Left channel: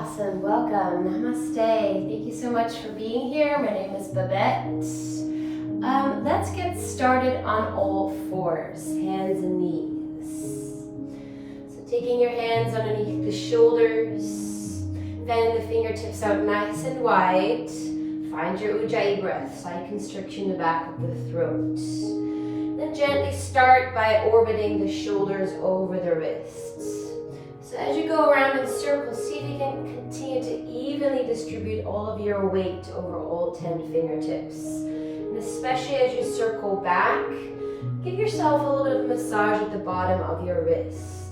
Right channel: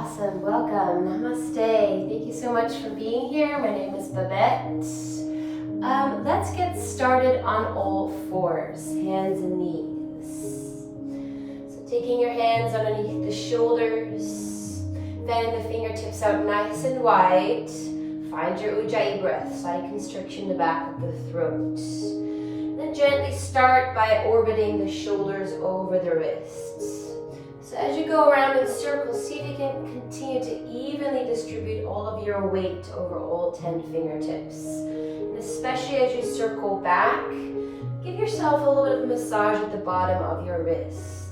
Awesome, welcome, namaste. Thank you so much for being here. My name is Babette. Let's get started on all fours, hands and knees. So taking your hands underneath the shoulders, fanning the fingertips out nice and wide. Find your Ujjayi breath, side constriction in the back of the throat. Then gently start by orbiting the shoulders over the wrists. So as you go around in circles, see if you can continue to evenly distribute all of your weight over all 10 fingertips. And especially as you circle back, give yourself a little bit of a massage at the bottom of your wrists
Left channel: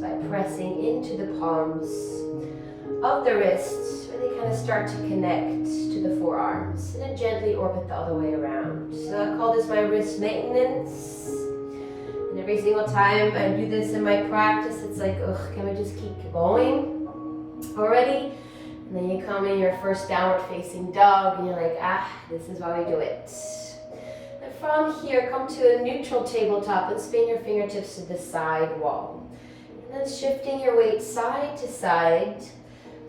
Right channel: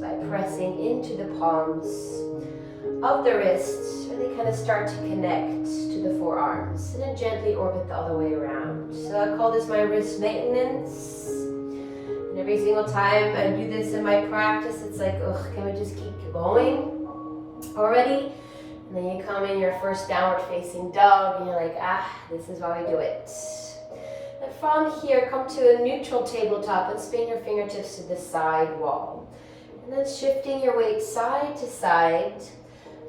by pressing into the palms of the wrists. Really kind of start to connect to the forearms and then gently orbit the other way around. So I call this my wrist maintenance. And every single time I do this in my practice, it's like, ugh, can we just keep going already? And then you come in your first downward facing dog and you're like, this is why we do it. And from here, come to a neutral tabletop and spin your fingertips to the side wall. And then shifting your weight side to side.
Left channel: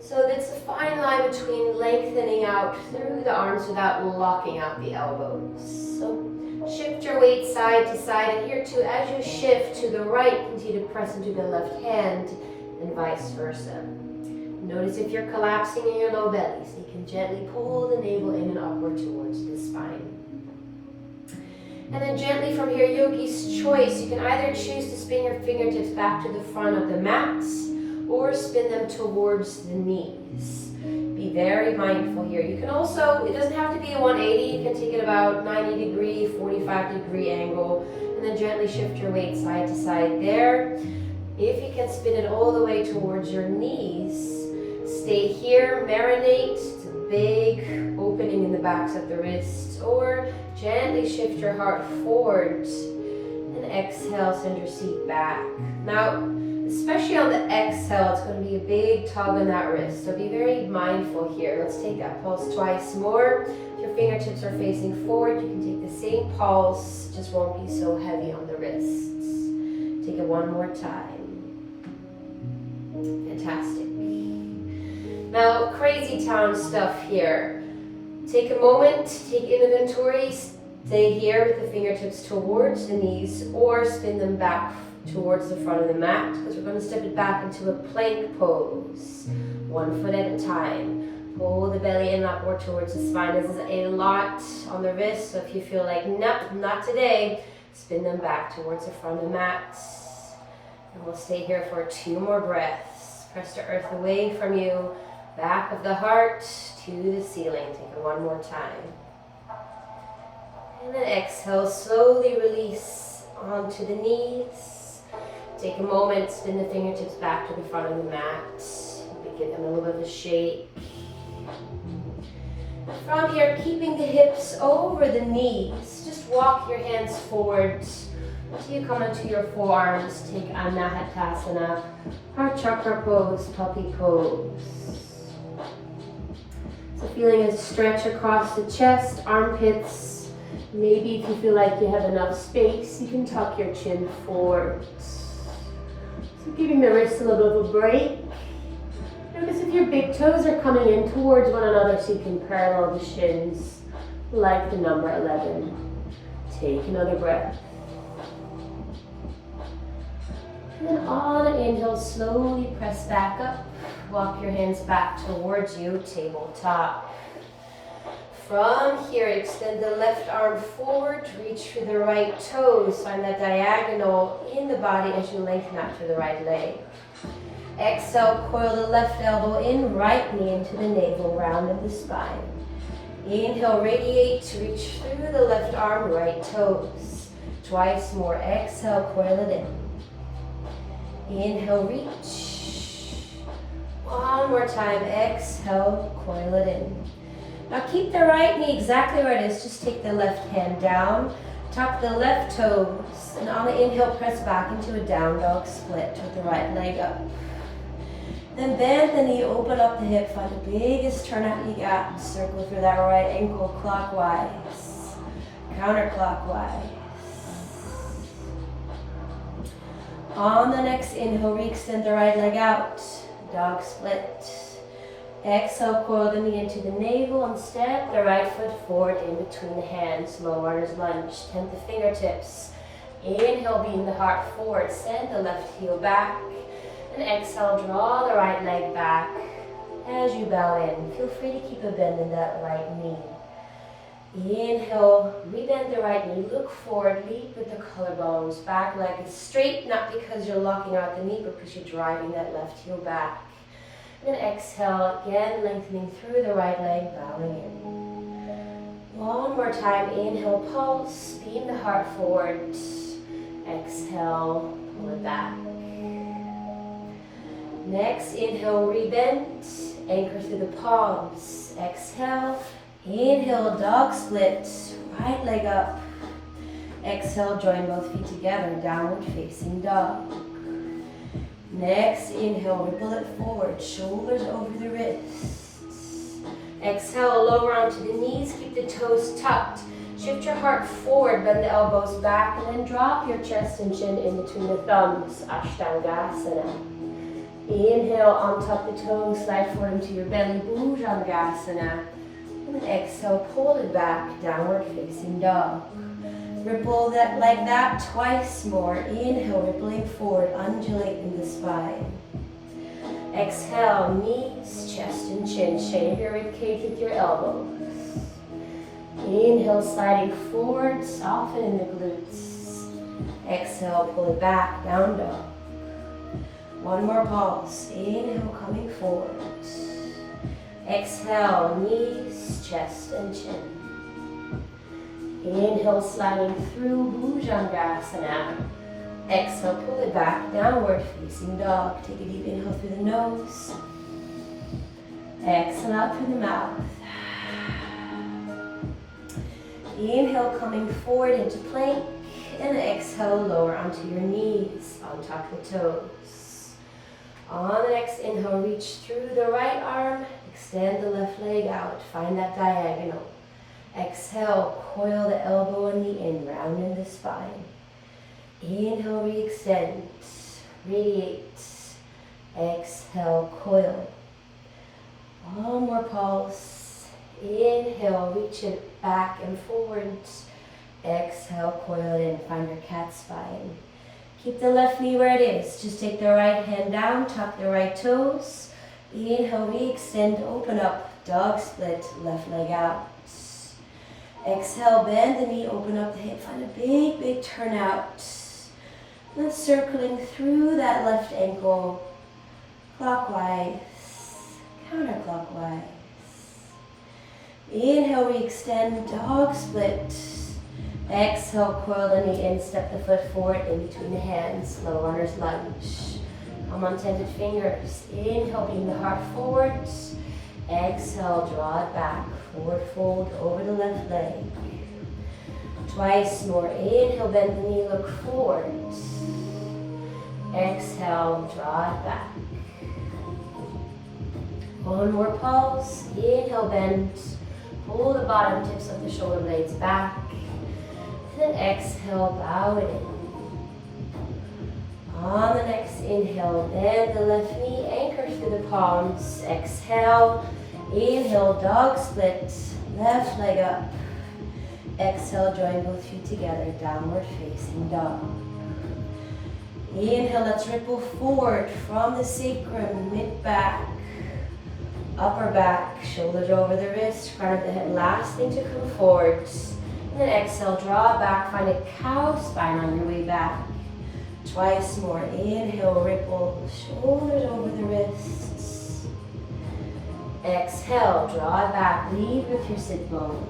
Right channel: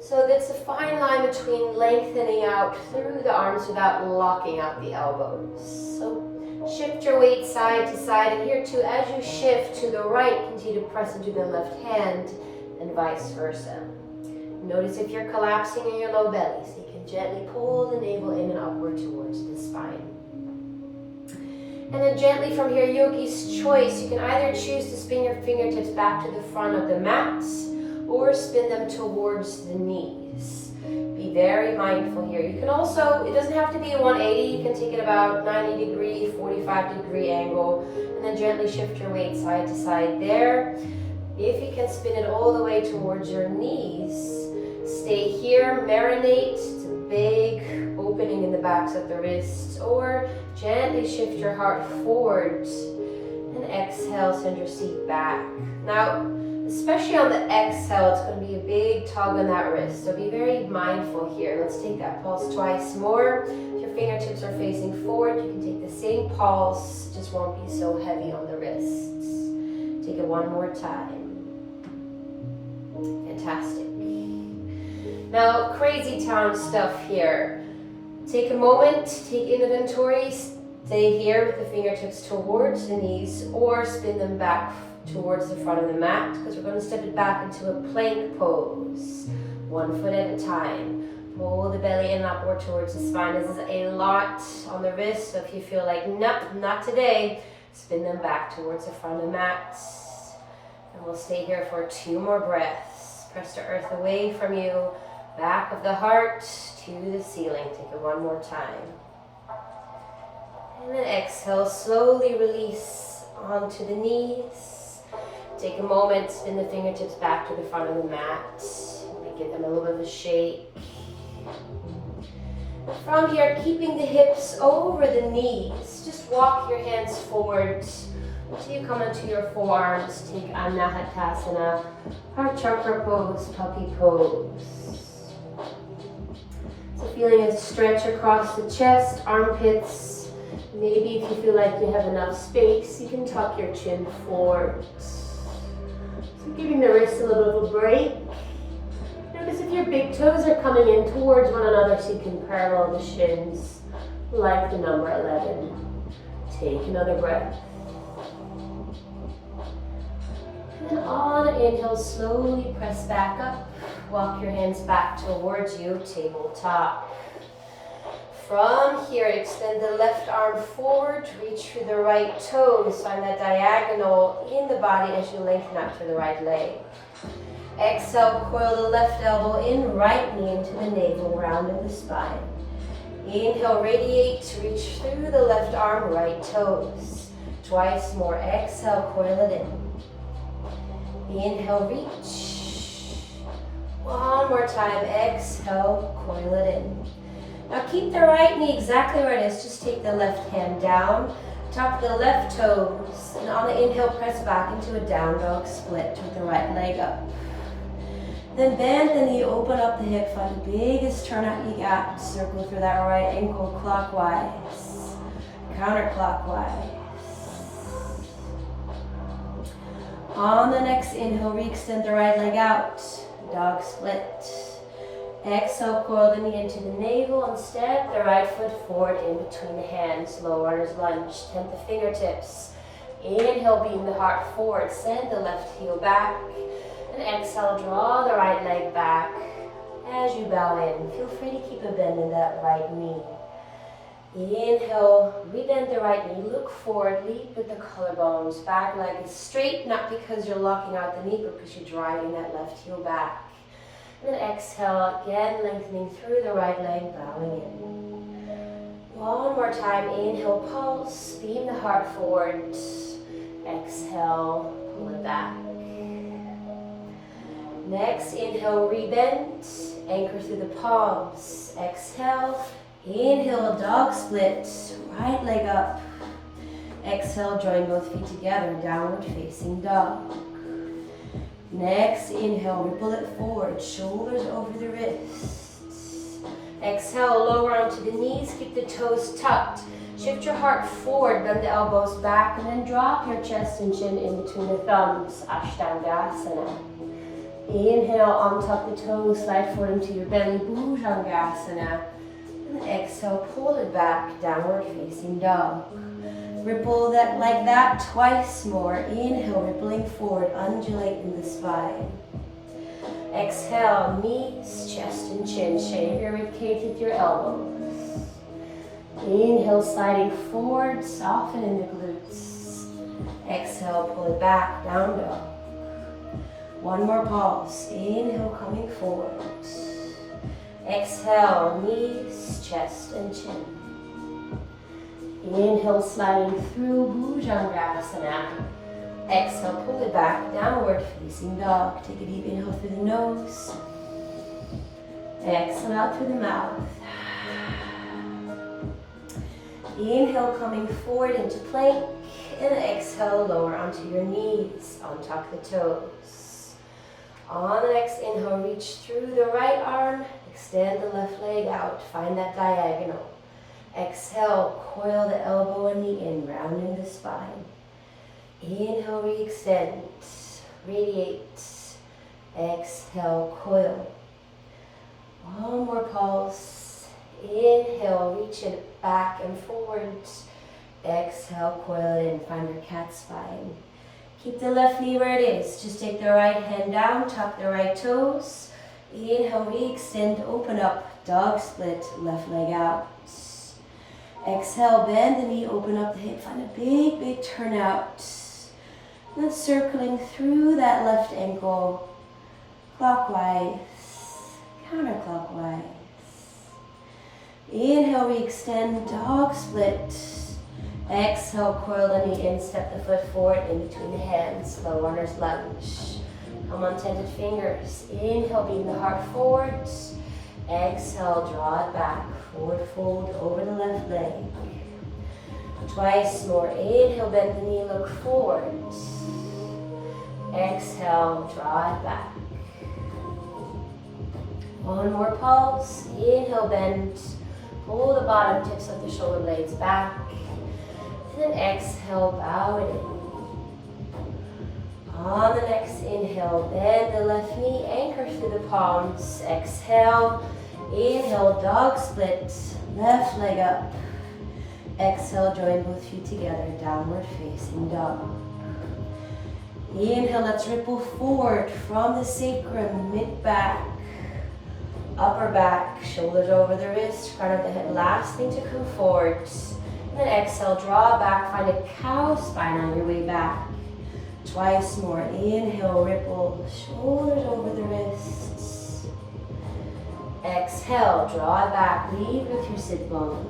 So it's a fine line between lengthening out through the arms without locking out the elbows. So shift your weight side to side, and here too, as you shift to the right, continue to press into the left hand, and vice versa. Notice if you're collapsing in your low belly, so you can gently pull the navel in and upward towards the spine. And then gently from here, yogi's choice, you can either choose to spin your fingertips back to the front of the mat, or spin them towards the knees. Be very mindful here. You can also, it doesn't have to be a 180, you can take it about 90 degree, 45 degree angle, and then gently shift your weight side to side there. If you can spin it all the way towards your knees, stay here, marinate. It's a big opening in the backs of the wrists, or gently shift your heart forward and exhale, send your seat back. Now, especially on the exhale, it's going to be a big tug on that wrist. So be very mindful here. Let's take that pulse twice more. If your fingertips are facing forward, you can take the same pulse, just won't be so heavy on the wrists. Take it one more time. Fantastic. Now, crazy town stuff here. Take a moment, take inventory, stay here with the fingertips towards the knees, or spin them back towards the front of the mat, because we're going to step it back into a plank pose, 1 foot at a time. Pull the belly in upward towards the spine. This is a lot on the wrist, so if you feel like, nope, not today, spin them back towards the front of the mat. And we'll stay here for 2 more breaths. Press the earth away from you, back of the heart to the ceiling. Take it 1 more time. And then exhale, slowly release onto the knees. Take a moment, spin the fingertips back to the front of the mat. Give them a little bit of a shake. From here, keeping the hips over the knees, just walk your hands forward until you come onto your forearms. Take Anahatasana, our chakra pose, puppy pose. So feeling a stretch across the chest, armpits. Maybe if you feel like you have enough space, you can tuck your chin forward. So giving the wrists a little bit of a break. Notice if your big toes are coming in towards one another so you can parallel the shins like the number 11. Take another breath. And then on an inhale, slowly press back up. Walk your hands back towards you, tabletop. From here, extend the left arm forward, reach for the right toes. Find that diagonal in the body as you lengthen out to the right leg. Exhale, coil the left elbow in, right knee into the navel, rounding the spine. Inhale, radiate, reach through the left arm, right toes. Twice more. Exhale, coil it in. Inhale, reach. 1 more time. Exhale, coil it in. Now keep the right knee exactly where it is. Just take the left hand down, tuck the left toes, and on the inhale, press back into a down dog split with the right leg up. Then bend the knee, open up the hip, find the biggest turnout you got. Circle through that right ankle clockwise, counterclockwise. On the next inhale, re-extend the right leg out, dog split. Exhale, coil the knee into the navel and step the right foot forward in between the hands. Low runner's lunge. Tent the fingertips. Inhale, beam the heart forward. Send the left heel back. And exhale, draw the right leg back. As you bow in, feel free to keep a bend in that right knee. Inhale, rebend the right knee, look forward, lead with the collarbones. Back leg is straight, not because you're locking out the knee, but because you're driving that left heel back. And then exhale, again lengthening through the right leg, bowing in. One more time, inhale, pulse, beam the heart forward. Exhale, pull it back. Next, inhale, rebend, anchor through the palms. Exhale, inhale, dog split, right leg up. Exhale, join both feet together, downward facing dog. Next, inhale, ripple it forward, shoulders over the wrists. Exhale, lower onto the knees, keep the toes tucked. Shift your heart forward, bend the elbows back, and then drop your chest and chin in between the thumbs, Ashtangasana. Inhale, untuck the toes, slide forward into your belly, Bhujangasana. And exhale, pull it back, downward facing dog. Ripple that like that twice more. Inhale, rippling forward, undulate in the spine. Exhale, knees, chest and chin. Shave your ribcage with your elbows. Inhale, sliding forward, soften in the glutes. Exhale, pull it back, down dog. One more pulse. Inhale, coming forward. Exhale, knees, chest and chin. Inhale, sliding through Bhujangasana. Exhale, pull it back, downward facing dog. Take a deep inhale through the nose. Exhale out through the mouth. Inhale, coming forward into plank. And exhale, lower onto your knees. Untuck the toes. On the next inhale, reach through the right arm. Extend the left leg out. Find that diagonal. Exhale, coil the elbow and knee in, round in the spine. Inhale, re-extend, radiate. Exhale, coil. One more pulse. Inhale, reach it back and forward. Exhale, coil it in, find your cat spine. Keep the left knee where it is. Just take the right hand down, tuck the right toes. Inhale, re-extend, open up, dog split, left leg out. Exhale, bend the knee, open up the hip, find a big, big turnout. Then circling through that left ankle, clockwise, counterclockwise. Inhale, re-extend, dog split. Exhale, coil the knee in, step the foot forward in between the hands, low runner's lunge. Palm on tented fingers. Inhale, beam the heart forward. Exhale, draw it back, forward fold over the left leg. Twice more. Inhale, bend the knee, look forward. Exhale, draw it back. One more pulse. Inhale, bend. Pull the bottom tips of the shoulder blades back. And then exhale, bow it in. On the next inhale, bend the left knee, anchor through the palms. Exhale, inhale, dog split, left leg up. Exhale, join both feet together, downward facing dog. Inhale, let's ripple forward from the sacrum, mid-back, upper back, shoulders over the wrist, front of the hip. Last thing to come forward. And then exhale, draw back, find a cow spine on your way back. Twice more. Inhale, ripple, shoulders over the wrists. Exhale, draw it back, lead with your sit bones.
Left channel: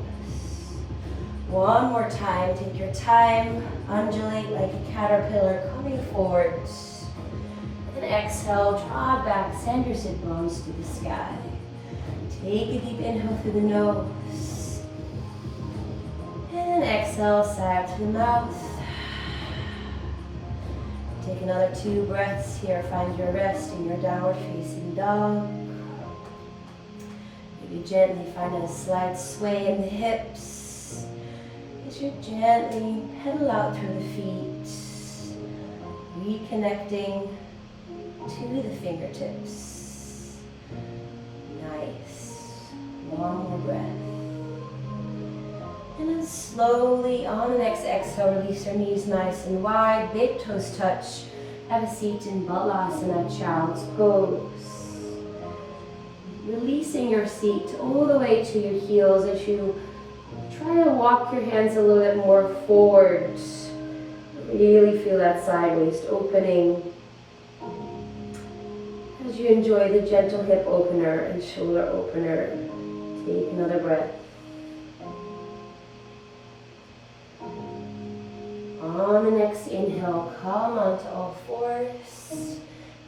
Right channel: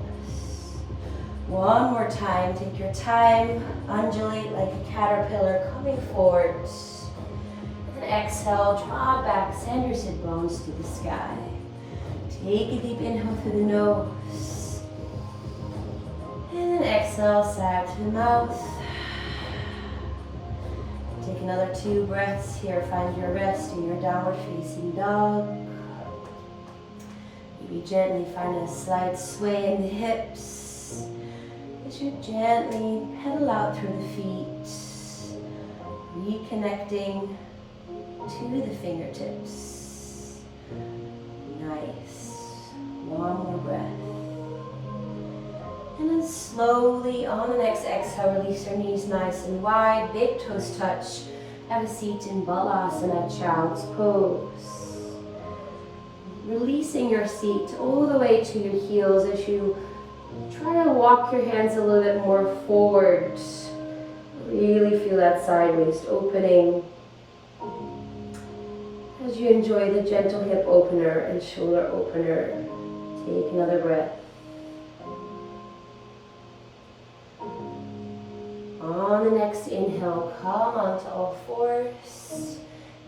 One more time, take your time, undulate like a caterpillar coming forward. And then exhale, draw back, send your sit bones to the sky. Take a deep inhale through the nose. And then exhale, sag to the mouth. Take another 2 breaths here. Find your rest in your downward facing dog. Maybe gently find a slight sway in the hips. As you gently pedal out through the feet, reconnecting to the fingertips. Nice. One more breath. And then slowly on the next exhale, release your knees nice and wide. Big toes touch. Have a seat in Balasana, Child's Pose. Releasing your seat all the way to your heels as you try to walk your hands a little bit more forward. Really feel that side waist opening. As you enjoy the gentle hip opener and shoulder opener, take another breath. On the next inhale, come onto all fours.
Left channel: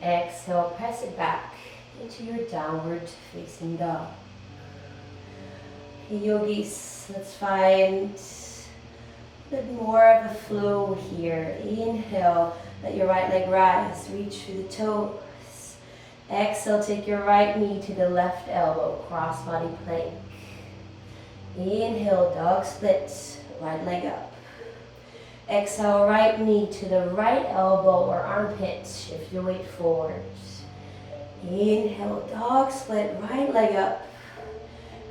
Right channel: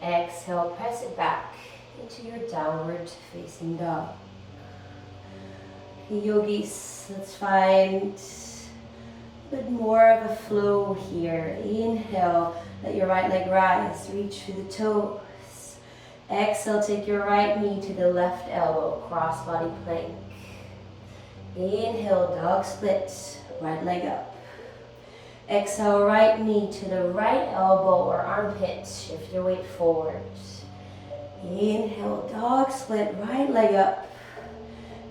Exhale, press it back into your downward facing dog. Okay, yogis, let's find a bit more of a flow here. Inhale, let your right leg rise, reach through the toes. Exhale, take your right knee to the left elbow, cross body plank. Inhale, dog split, right leg up. Exhale, right knee to the right elbow or armpit. Shift your weight forward. Inhale, dog split, right leg up.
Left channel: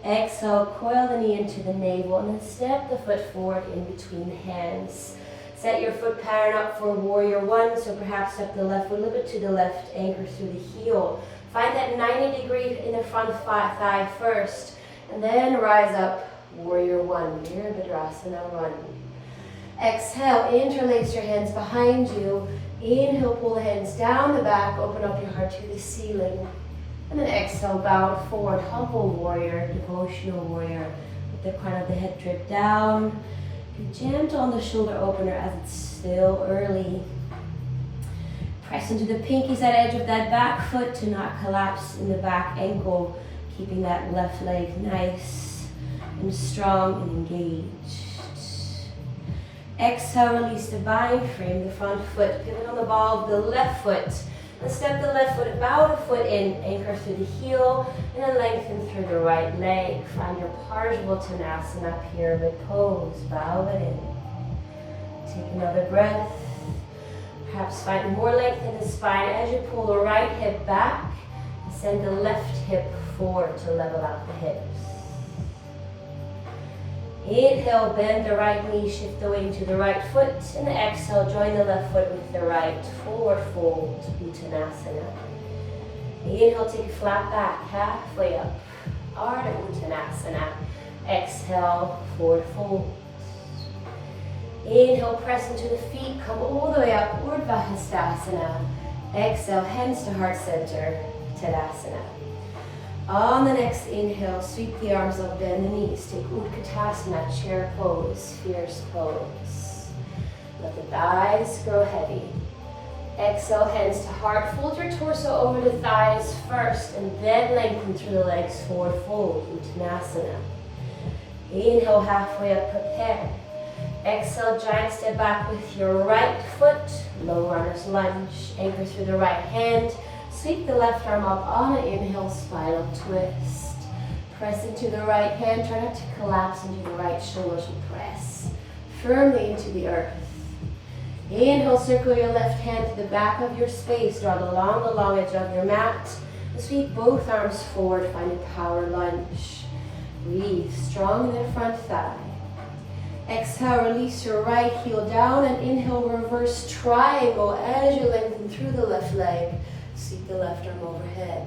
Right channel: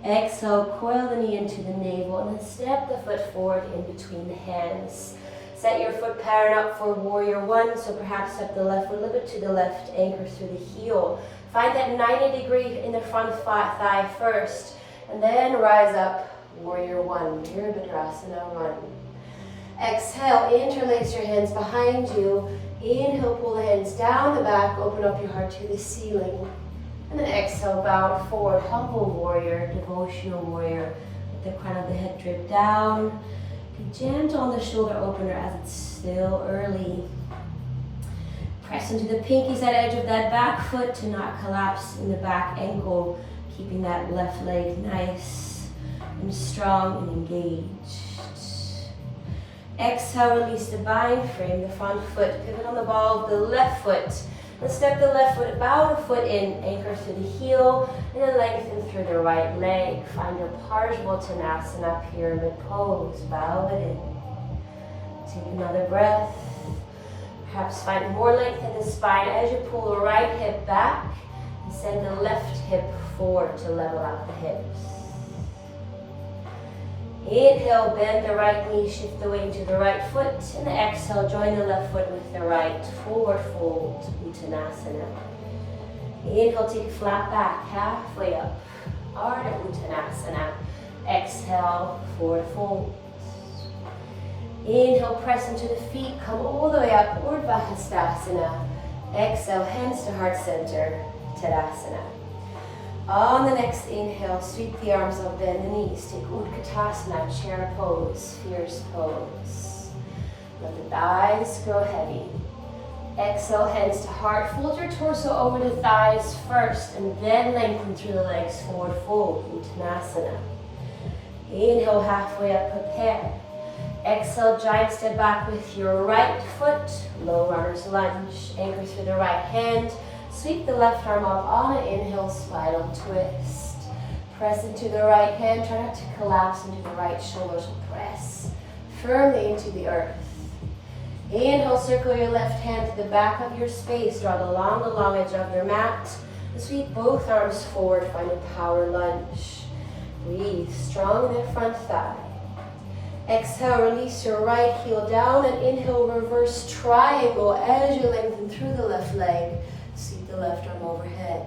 Exhale, coil the knee into the navel and then step the foot forward in between the hands. Set your foot pattern up for warrior one, so perhaps step the left foot a little bit to the left, anchor through the heel. Find that 90 degree in the front thigh first, and then rise up, warrior one, Virabhadrasana run. Exhale, interlace your hands behind you. Inhale, pull the hands down the back, open up your heart to the ceiling. And then exhale, bow forward, humble warrior, devotional warrior. Let the crown of the head drip down. Be gentle on the shoulder opener as it's still early. Press into the pinkies at edge of that back foot to not collapse in the back ankle, keeping that left leg nice and strong and engaged. Exhale, release the bind frame, the front foot, pivot on the ball of the left foot. And step the left foot, bow the foot in, anchor through the heel, and then lengthen through the right leg. Find your Parsvottanasana pyramid pose, bow it in. Take another breath. Perhaps find more length in the spine as you pull the right hip back and send the left hip forward to level out the hips. Inhale, bend the right knee, shift the weight to the right foot, and exhale, join the left foot with the right, forward fold, Uttanasana. Inhale, take a flat back, halfway up, Ardha Uttanasana. Exhale, forward fold. Inhale, press into the feet, come all the way up, Urdhva Hastasana. Exhale, hands to heart center, Tadasana. On the next inhale, sweep the arms up, bend the knees. Take Utkatasana, chair pose, fierce pose. Let the thighs grow heavy. Exhale, hands to heart. Fold your torso over the thighs first, and then lengthen through the legs, forward fold, Uttanasana. Inhale, halfway up, prepare. Exhale, giant step back with your right foot, low runner's lunge. Anchor through the right hand. Sweep the left arm up on an inhale, spiral twist. Press into the right hand, try not to collapse into the right shoulder to press firmly into the earth. Inhale, circle your left hand to the back of your space, draw along the long edge of your mat. Sweep both arms forward, find a power lunge. Breathe, strong in the front thigh. Exhale, release your right heel down and inhale, reverse triangle as you lengthen through the left leg. Sweep the left arm overhead.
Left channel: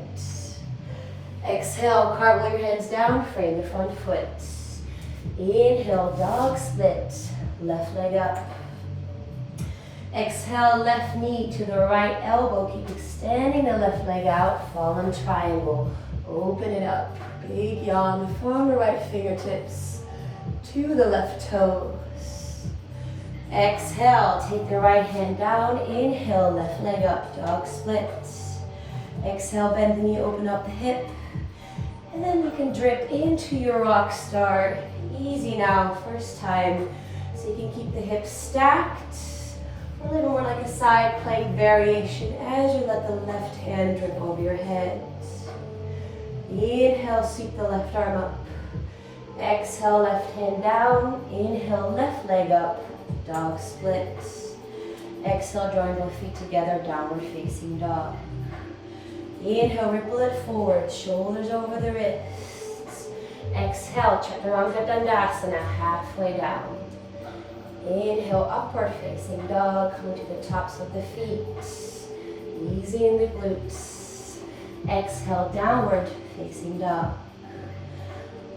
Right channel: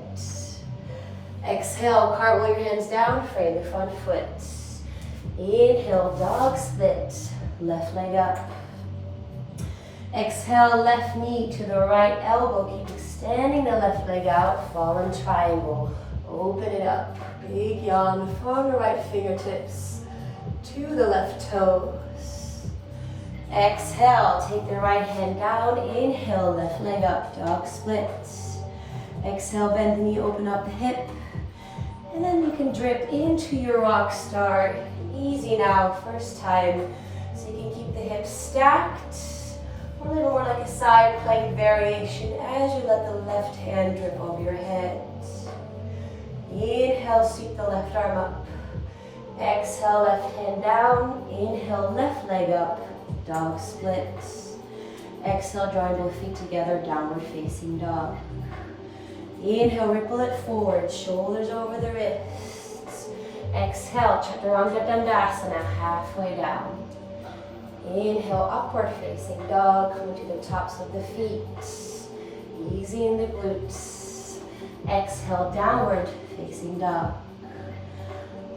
Exhale, cartwheel your hands down, frame the front foot. Inhale, dog split, left leg up. Exhale, left knee to the right elbow. Keep extending the left leg out, fallen triangle. Open it up, big yawn from the right fingertips to the left toes. Exhale, take the right hand down. Inhale, left leg up, dog split. Exhale, bend the knee, open up the hip. And then you can drip into your rock star. Easy now, first time. So you can keep the hips stacked. A little more like a side plank variation as you let the left hand drip over your head. Inhale, sweep the left arm up. Exhale, left hand down. Inhale, left leg up, dog split. Exhale, drawing both feet together, downward facing dog. Inhale, ripple it forward, shoulders over the wrists. Exhale, Chaturanga Dandasana, halfway down. Inhale, upward facing dog, coming to the tops of the feet. Easy in the glutes. Exhale, downward facing dog.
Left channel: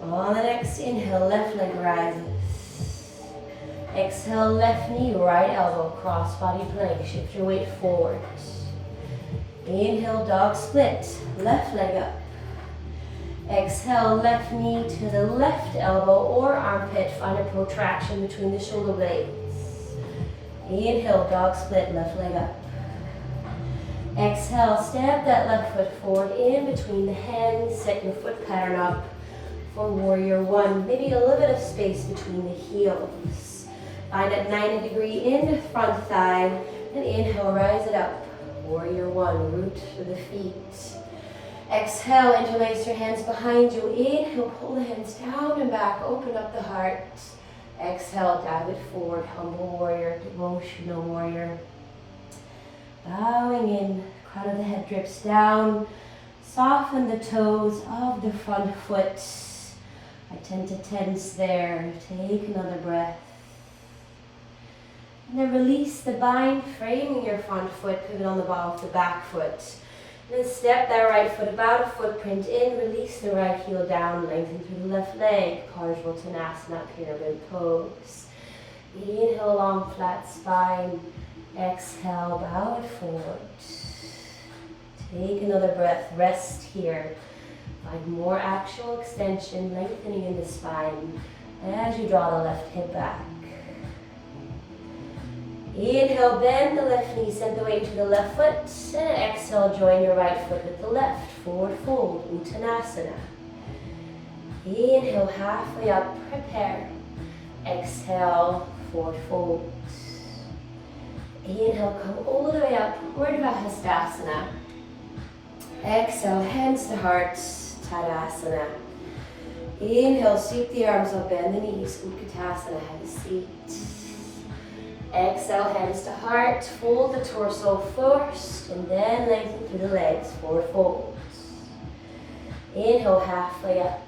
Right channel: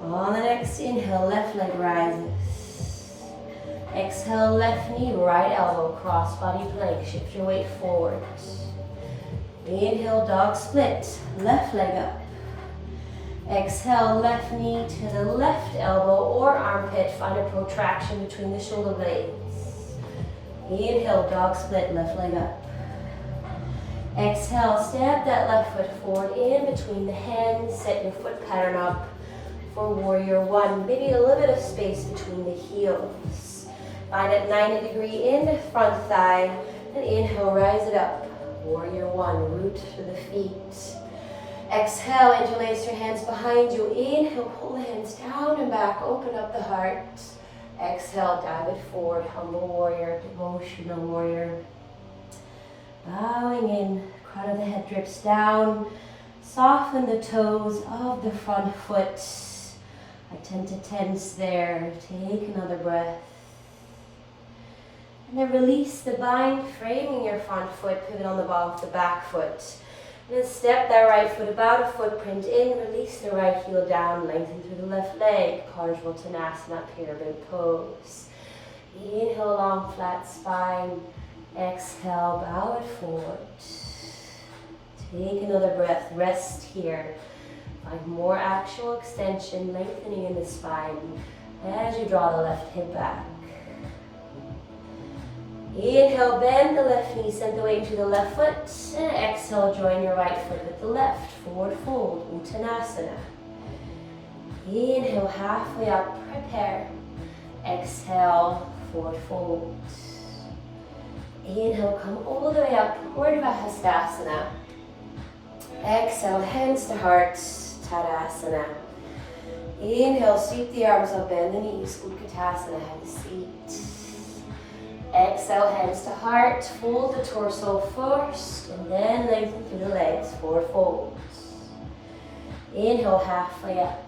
On the next inhale, left leg rises. Exhale, left knee, right elbow, cross body plank. Shift your weight forward. Inhale, dog split, left leg up. Exhale, left knee to the left elbow or armpit. Find a protraction between the shoulder blades. Inhale, dog split, left leg up. Exhale, step that left foot forward in between the hands. Set your foot pattern up for warrior one. Maybe a little bit of space between the heels. Find a 90-degree in the front thigh. And inhale, rise it up. Warrior one, root to the feet. Exhale, interlace your hands behind you. Inhale, pull the hands down and back. Open up the heart. Exhale, dive it forward. Humble warrior, devotional warrior. Bowing in, crown of the head drips down. Soften the toes of the front foot. I tend to tense there. Take another breath. And then release the bind, framing your front foot, pivot on the ball of the back foot. And then step that right foot about a footprint in, release the right heel down, lengthen through the left leg, Urdhva pyramid pose. Inhale, long flat spine. Exhale, bow it forward. Take another breath, rest here. Find more actual extension, lengthening in the spine as you draw the left hip back. Inhale, bend the left knee, send the weight to the left foot. And exhale, join your right foot with the left. Forward fold, Uttanasana. Inhale, halfway up, prepare. Exhale, forward fold. Inhale, come all the way up, Urdhva Hastasana. Exhale, hands to heart, Tadasana. Inhale, sweep the arms up, bend the knees, Utkatasana, heavy seat. Exhale, hands to heart, fold the torso first, and then lengthen through the legs, forward folds. Inhale, halfway up.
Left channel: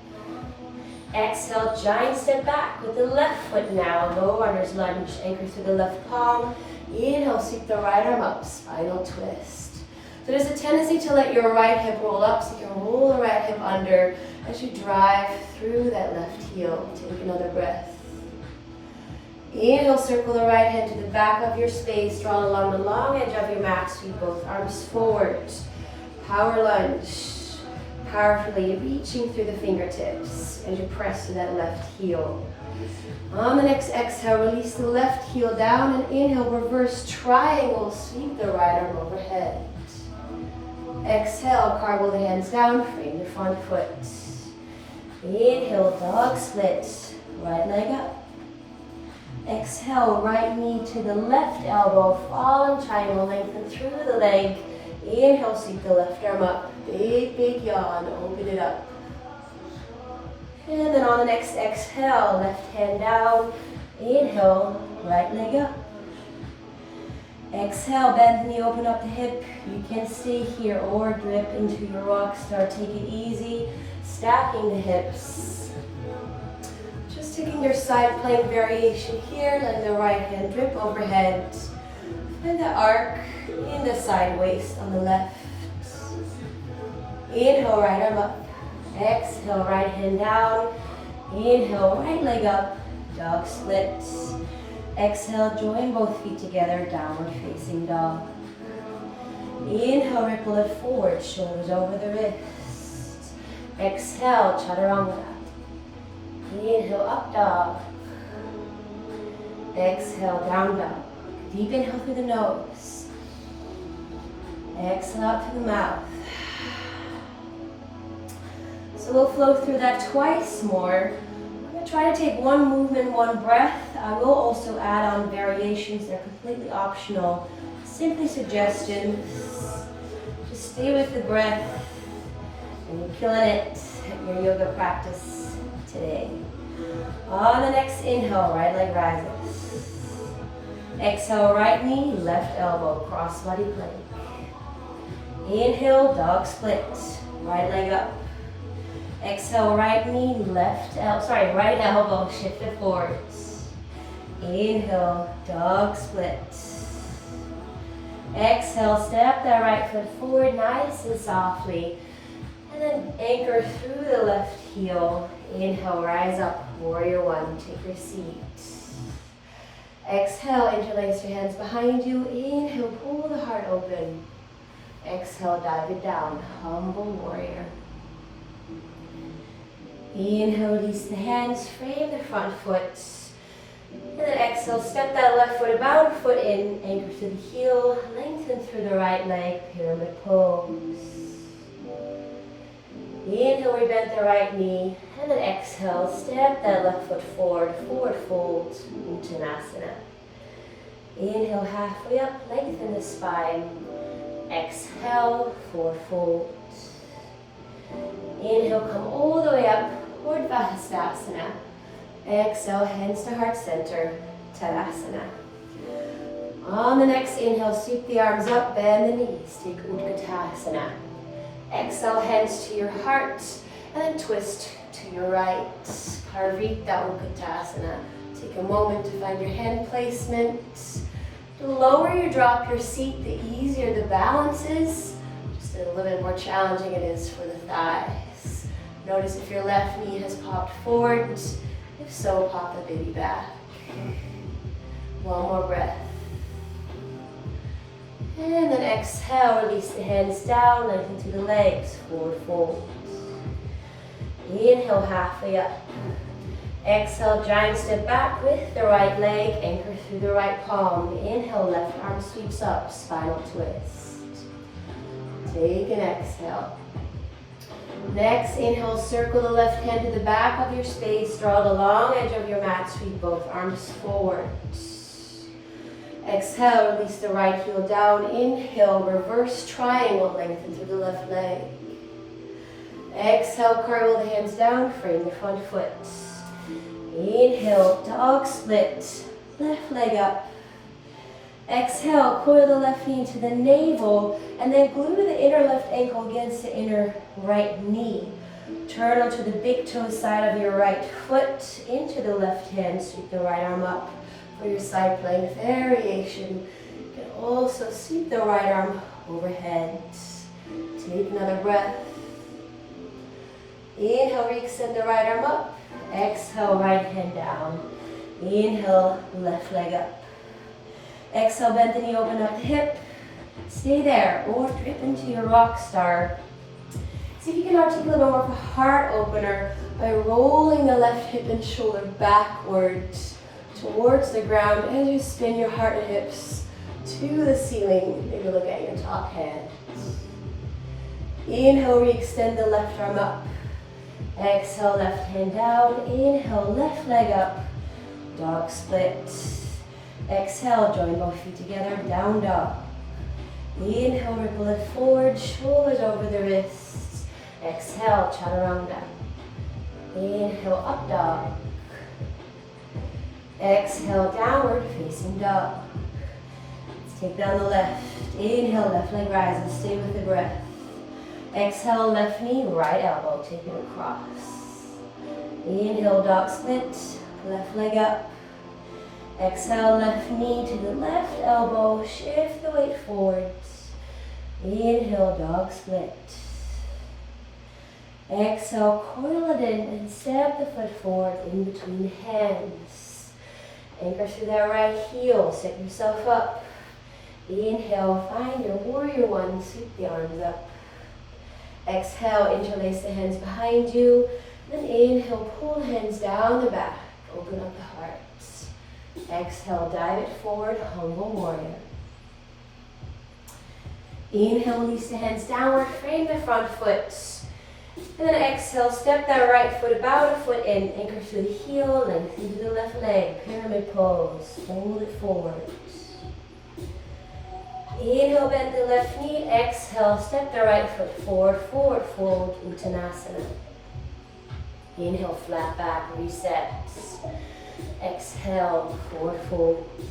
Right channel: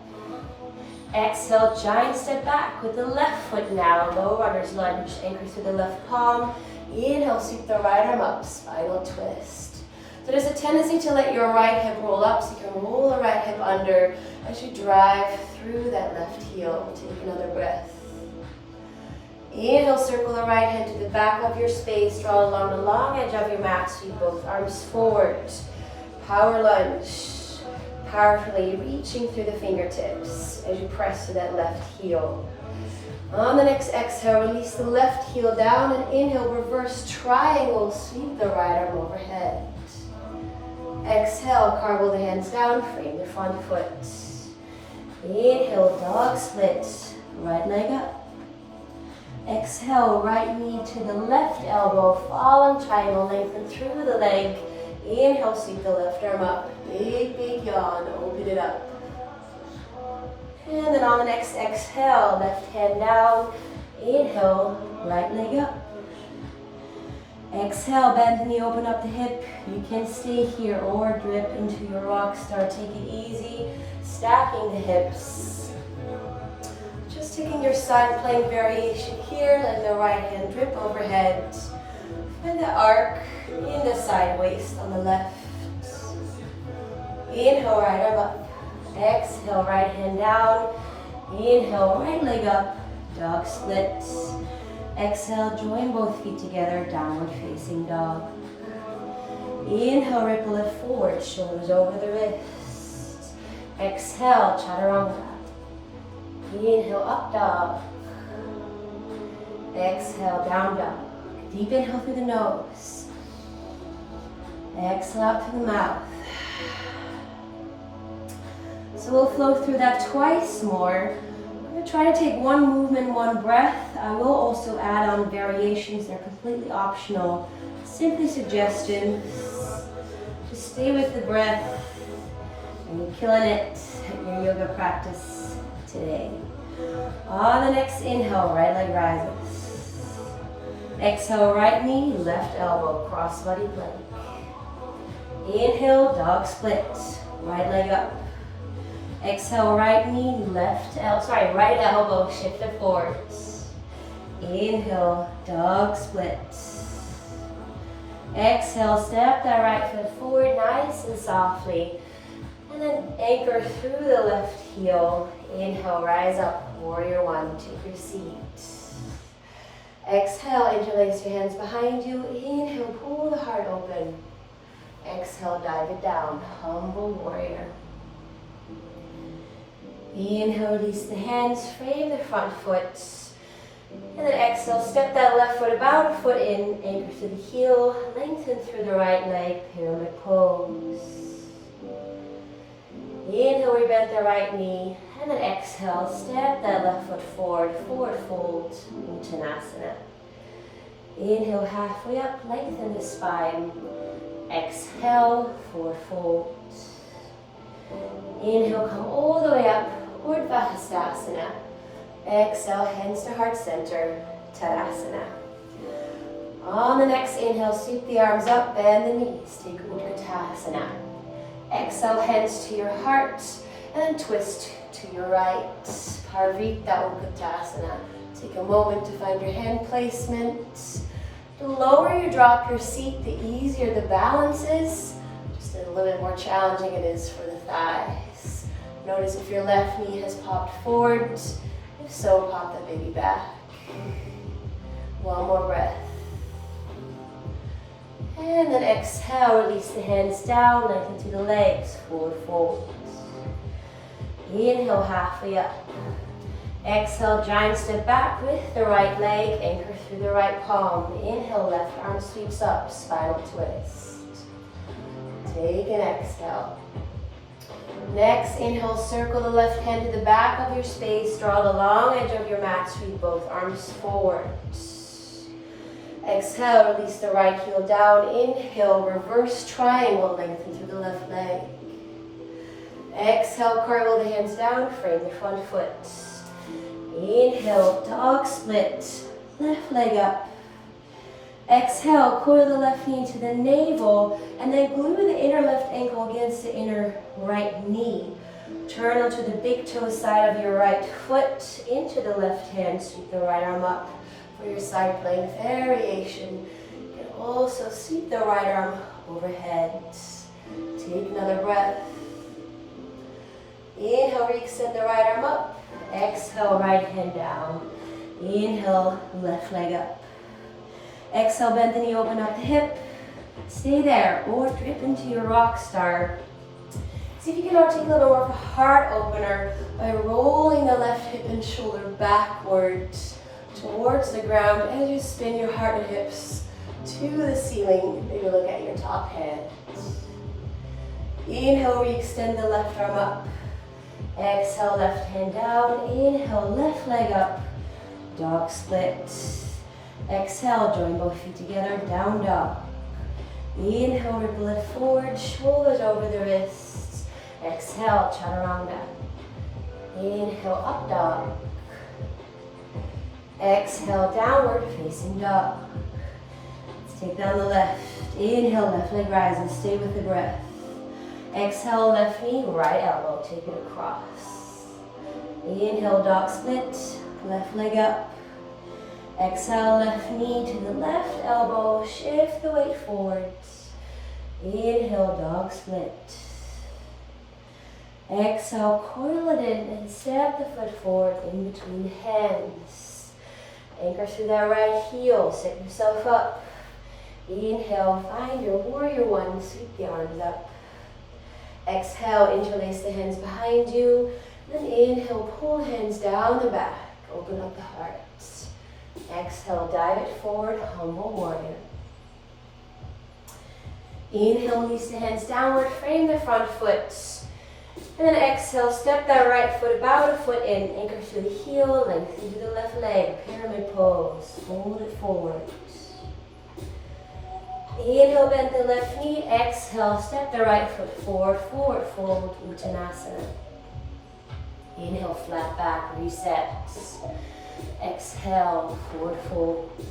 Exhale, giant step back with the left foot now, low runner's lunge, anchor through the left palm. Inhale, sweep the right arm up, spinal twist. So there's a tendency to let your right hip roll up, so you can roll the right hip under as you drive through that left heel. Take another breath. Inhale, circle the right hand to the back of your space. Draw along the long edge of your mat. Sweep both arms forward. Power lunge. Powerfully reaching through the fingertips as you press to that left heel. On the next exhale, release the left heel down and inhale, reverse triangle. Sweep the right arm overhead. Exhale, carve the hands down, frame the front foot. Inhale, dog split. Right leg up. Exhale, right knee to the left elbow, fallen triangle, lengthen through the leg. Inhale, sweep the left arm up. Big, big yawn, open it up. And then on the next exhale, left hand down. Inhale, right leg up. Exhale, bend the knee, open up the hip. You can stay here or drip into your rock star. Take it easy, stacking the hips. Just taking your side plank variation here, letting the right hand drip overhead. And the arc in the side waist on the left. Inhale, right arm up. Exhale, right hand down. Inhale, right leg up. Dog split. Exhale, join both feet together, downward facing dog. Inhale, ripple it forward, shoulders over the wrists. Exhale, Chaturanga. Inhale, up dog. Exhale, down dog. Deep inhale through the nose. Exhale out through the mouth. So we'll flow through that twice more. I'm going to try to take one movement, one breath. I will also add on variations. They're completely optional. Simply suggestions. Just stay with the breath. And you're killing it at your yoga practice today. On the next inhale, right leg rises. Exhale, right knee, left elbow, cross body plank. Inhale, dog split. Right leg up. Exhale, right knee, right elbow shifted forwards. Inhale, dog split. Exhale, step that right foot forward nice and softly. And then anchor through the left heel. Inhale, rise up, warrior one, take your seat. Exhale, interlace your hands behind you. Inhale, pull the heart open. Exhale, dive it down, humble warrior. Inhale, release the hands, frame the front foot. And then exhale, step that left foot about a foot in, anchor through the heel, lengthen through the right leg, pyramid pose. Inhale, we bend the right knee, and then exhale, step that left foot forward, forward fold, Uttanasana. Inhale, halfway up, lengthen the spine. Exhale, forward fold. Inhale, come all the way up, Urdhva Hastasana. Exhale, hands to heart center, Tadasana. On the next inhale, sweep the arms up, bend the knees, take Utkatasana. Exhale, hands to your heart, and then twist to your right. Parvita Utkatasana. Take a moment to find your hand placement. The lower you drop your seat, the easier the balance is. Just a little bit more challenging it is for the thighs. Notice if your left knee has popped forward. If so, pop the baby back. One more breath. And then exhale, release the hands down, lengthen through the legs, forward fold. Inhale, halfway up. Exhale, giant step back with the right leg, anchor through the right palm. Inhale, left arm sweeps up, spinal twist. Take an exhale. Next, inhale, circle the left hand to the back of your space, draw the long edge of your mat, sweep both arms forward. Exhale, release the right heel down. Inhale, reverse triangle, lengthen through the left leg. Exhale, curl the hands down, frame the front foot. Inhale, dog split, left leg up. Exhale, coil the left knee into the navel, and then glue the inner left ankle against the inner right knee. Turn onto the big toe side of your right foot, into the left hand, sweep the right arm up for your side plank variation. You can also sweep the right arm overhead. Take another breath. Inhale, re-extend the right arm up. Exhale, right hand down. Inhale, left leg up. Exhale, bend the knee, open up the hip. Stay there, or drip into your rock star. See if you can now take a little more of a heart opener by rolling the left hip and shoulder backwards towards the ground as you spin your heart and hips to the ceiling. Maybe look at your top hands. Inhale, re-extend the left arm up. Exhale, left hand down. Inhale, left leg up. Dog split. Exhale, join both feet together, down dog. Inhale, ripple it forward, shoulders over the wrists. Exhale, chaturanga. Inhale, up dog. Exhale, downward facing dog. Let's take down the left. Inhale, left leg rises, stay with the breath. Exhale, left knee, right elbow, take it across. Inhale, dog split, left leg up. Exhale, left knee to the left elbow, shift the weight forwards. Inhale, dog split. Exhale, coil it in and step the foot forward in between the hands. Anchor through that right heel, set yourself up. Inhale, find your warrior one, sweep the arms up. Exhale, interlace the hands behind you. Then inhale, pull hands down the back, open up the heart. Exhale, dive it forward, humble warrior. Inhale, release the hands downward, frame the front foot. And then exhale, step that right foot about a foot in, anchor through the heel, lengthen through the left leg, pyramid pose, hold it forward. Inhale, bend the left knee, exhale, step the right foot forward, forward fold, Uttanasana. Inhale, flat back, reset. Exhale, forward fold.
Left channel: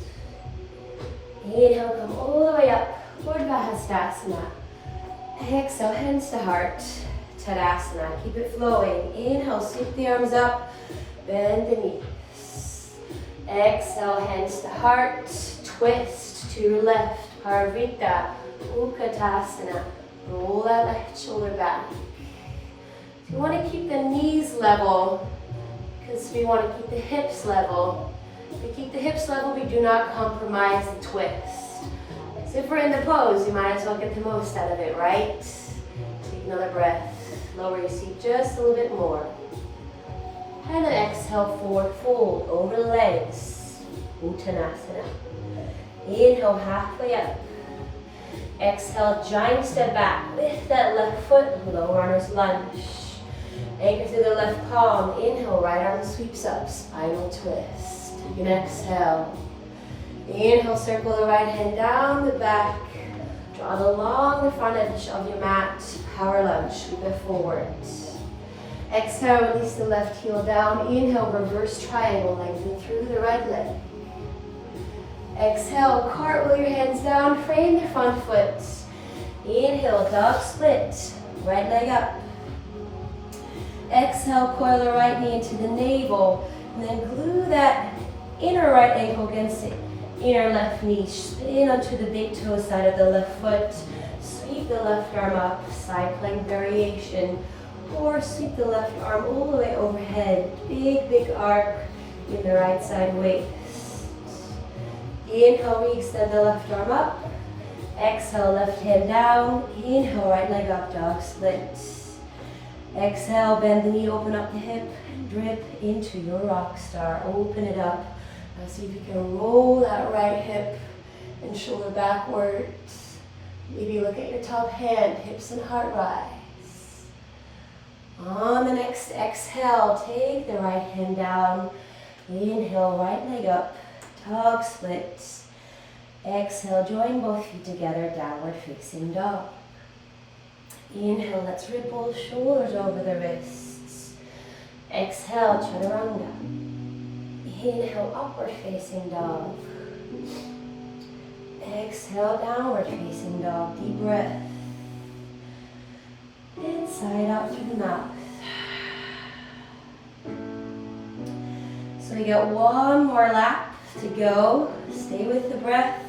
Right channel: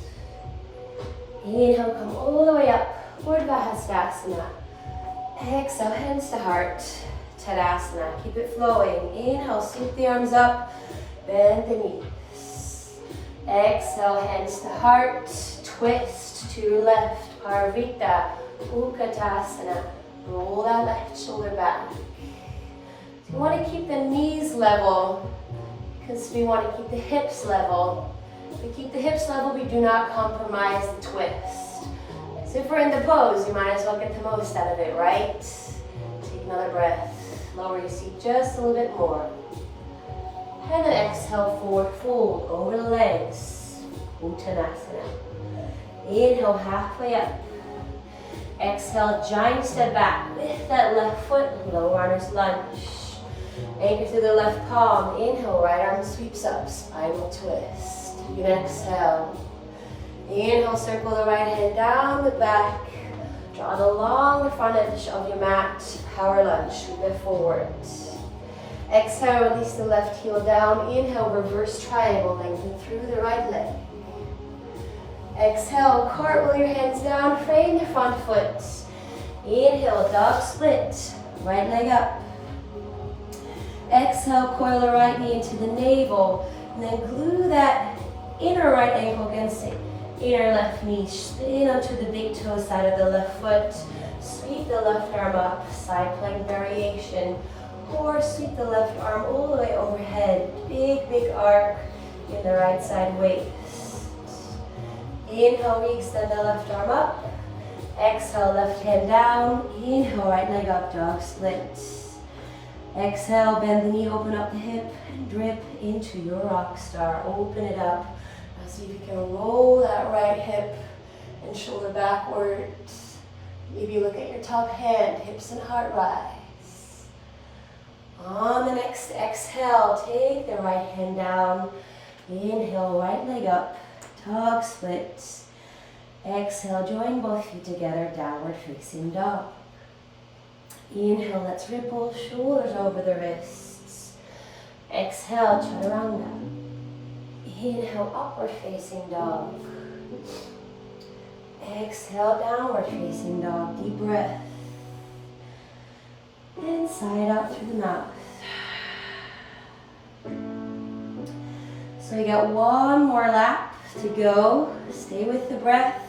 Inhale, come all the way up, Urdhva Hastasana. Exhale, hands to heart. Tadasana, keep it flowing. Inhale, sweep the arms up, bend the knees. Exhale, hands to heart, twist to your left, Parvita, Utkatasana. Roll that left shoulder back. You want to keep the knees level because we want to keep the hips level. If we keep the hips level, we do not compromise the twist. So if we're in the pose, you might as well get the most out of it, right? Take another breath. Lower your seat just a little bit more. And then exhale, forward fold over the legs. Uttanasana. Inhale, halfway up. Exhale, giant step back. Lift that left foot, low runner's lunge. Anchor through the left palm. Inhale, right arm sweeps up, spinal twist. You can exhale. Inhale, circle the right hand down the back. Draw it along the front edge of your mat. Power lunge, sweep it forward. Exhale, release the left heel down. Inhale, reverse triangle, lengthen through the right leg. Exhale, cartwheel your hands down, frame your front foot. Inhale, dog split, right leg up. Exhale, coil the right knee into the navel, and then glue that inner right ankle against the inner left knee. Spin onto the big toe side of the left foot. Sweep the left arm up, side plank variation, or sweep the left arm all the way overhead. Big, big arc in the right side waist. Inhale, re-extend the left arm up. Exhale, left hand down. Inhale, right leg up, dog split. Exhale, bend the knee, open up the hip, and drip into your rock star. Open it up. Now see if you can roll that right hip and shoulder backwards. Maybe look at your top hand, hips and heart rise. On the next exhale, take the right hand down. Inhale, right leg up. Dog splits. Exhale, join both feet together, downward facing dog. Inhale, let's ripple, shoulders over the wrists. Exhale, chaturanga. Inhale, upward facing dog. Exhale, downward facing dog. Deep breath. Inside out through the mouth. So we got one more lap to go. Stay with the breath.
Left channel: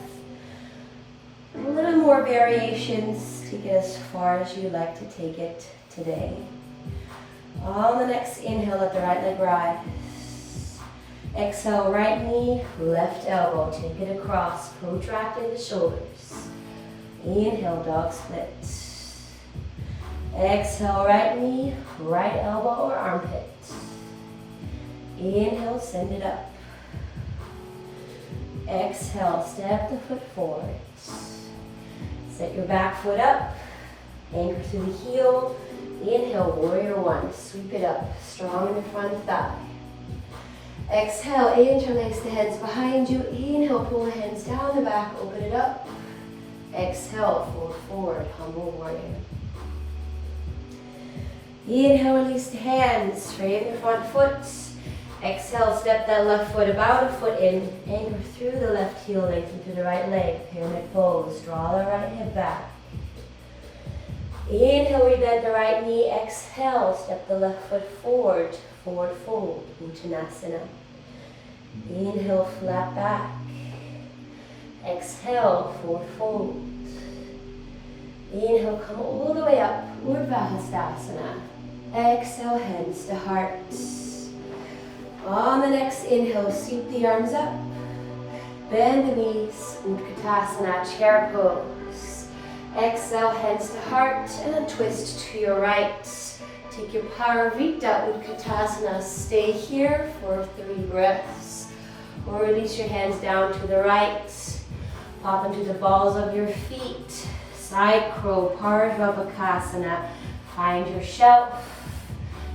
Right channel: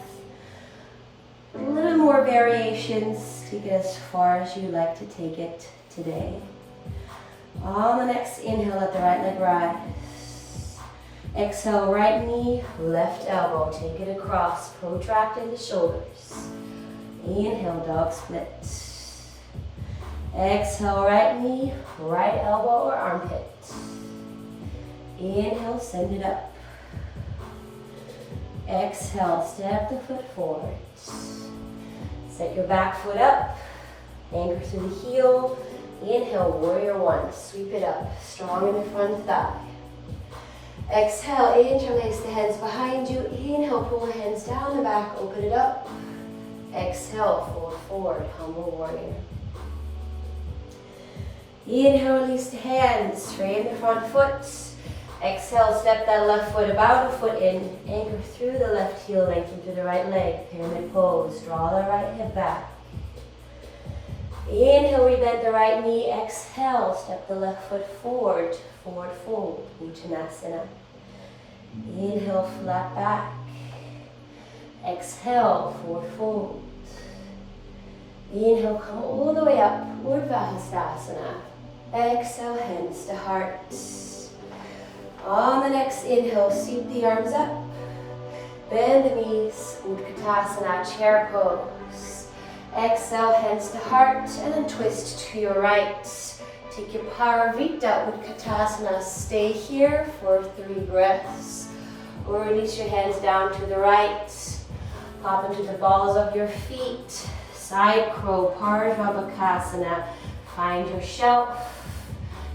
A little more variations to get as far as you like to take it today. On the next inhale, let the right leg rise. Exhale, right knee, left elbow. Take it across, protracting the shoulders. Inhale, dog split. Exhale, right knee, right elbow or armpit. Inhale, send it up. Exhale, step the foot forward. Set your back foot up. Anchor to the heel. Inhale, warrior one. Sweep it up. Strong in the front thigh. Exhale, interlace the hands behind you. Inhale, pull the hands down the back. Open it up. Exhale, fold forward. Humble warrior. Inhale, release the hands. Straighten the front foot. Exhale, step that left foot about a foot in. Anchor through the left heel, lengthen through the right leg. Pyramid pose. Draw the right hip back. Inhale, rebend the right knee. Exhale, step the left foot forward. Forward fold. Uttanasana. Inhale, flat back. Exhale, forward fold. Inhale, come all the way up. Urdhva. Exhale, hands to heart. On the next inhale, sweep the arms up. Bend the knees, Utkatasana, chair pose. Exhale, hands to heart, and then twist to your right. Take your Parvita, Utkatasana. Stay here for 3 breaths. Or release your hands down to the right. Pop into the balls of your feet. Side crow, Parvabhakasana. Find your shelf.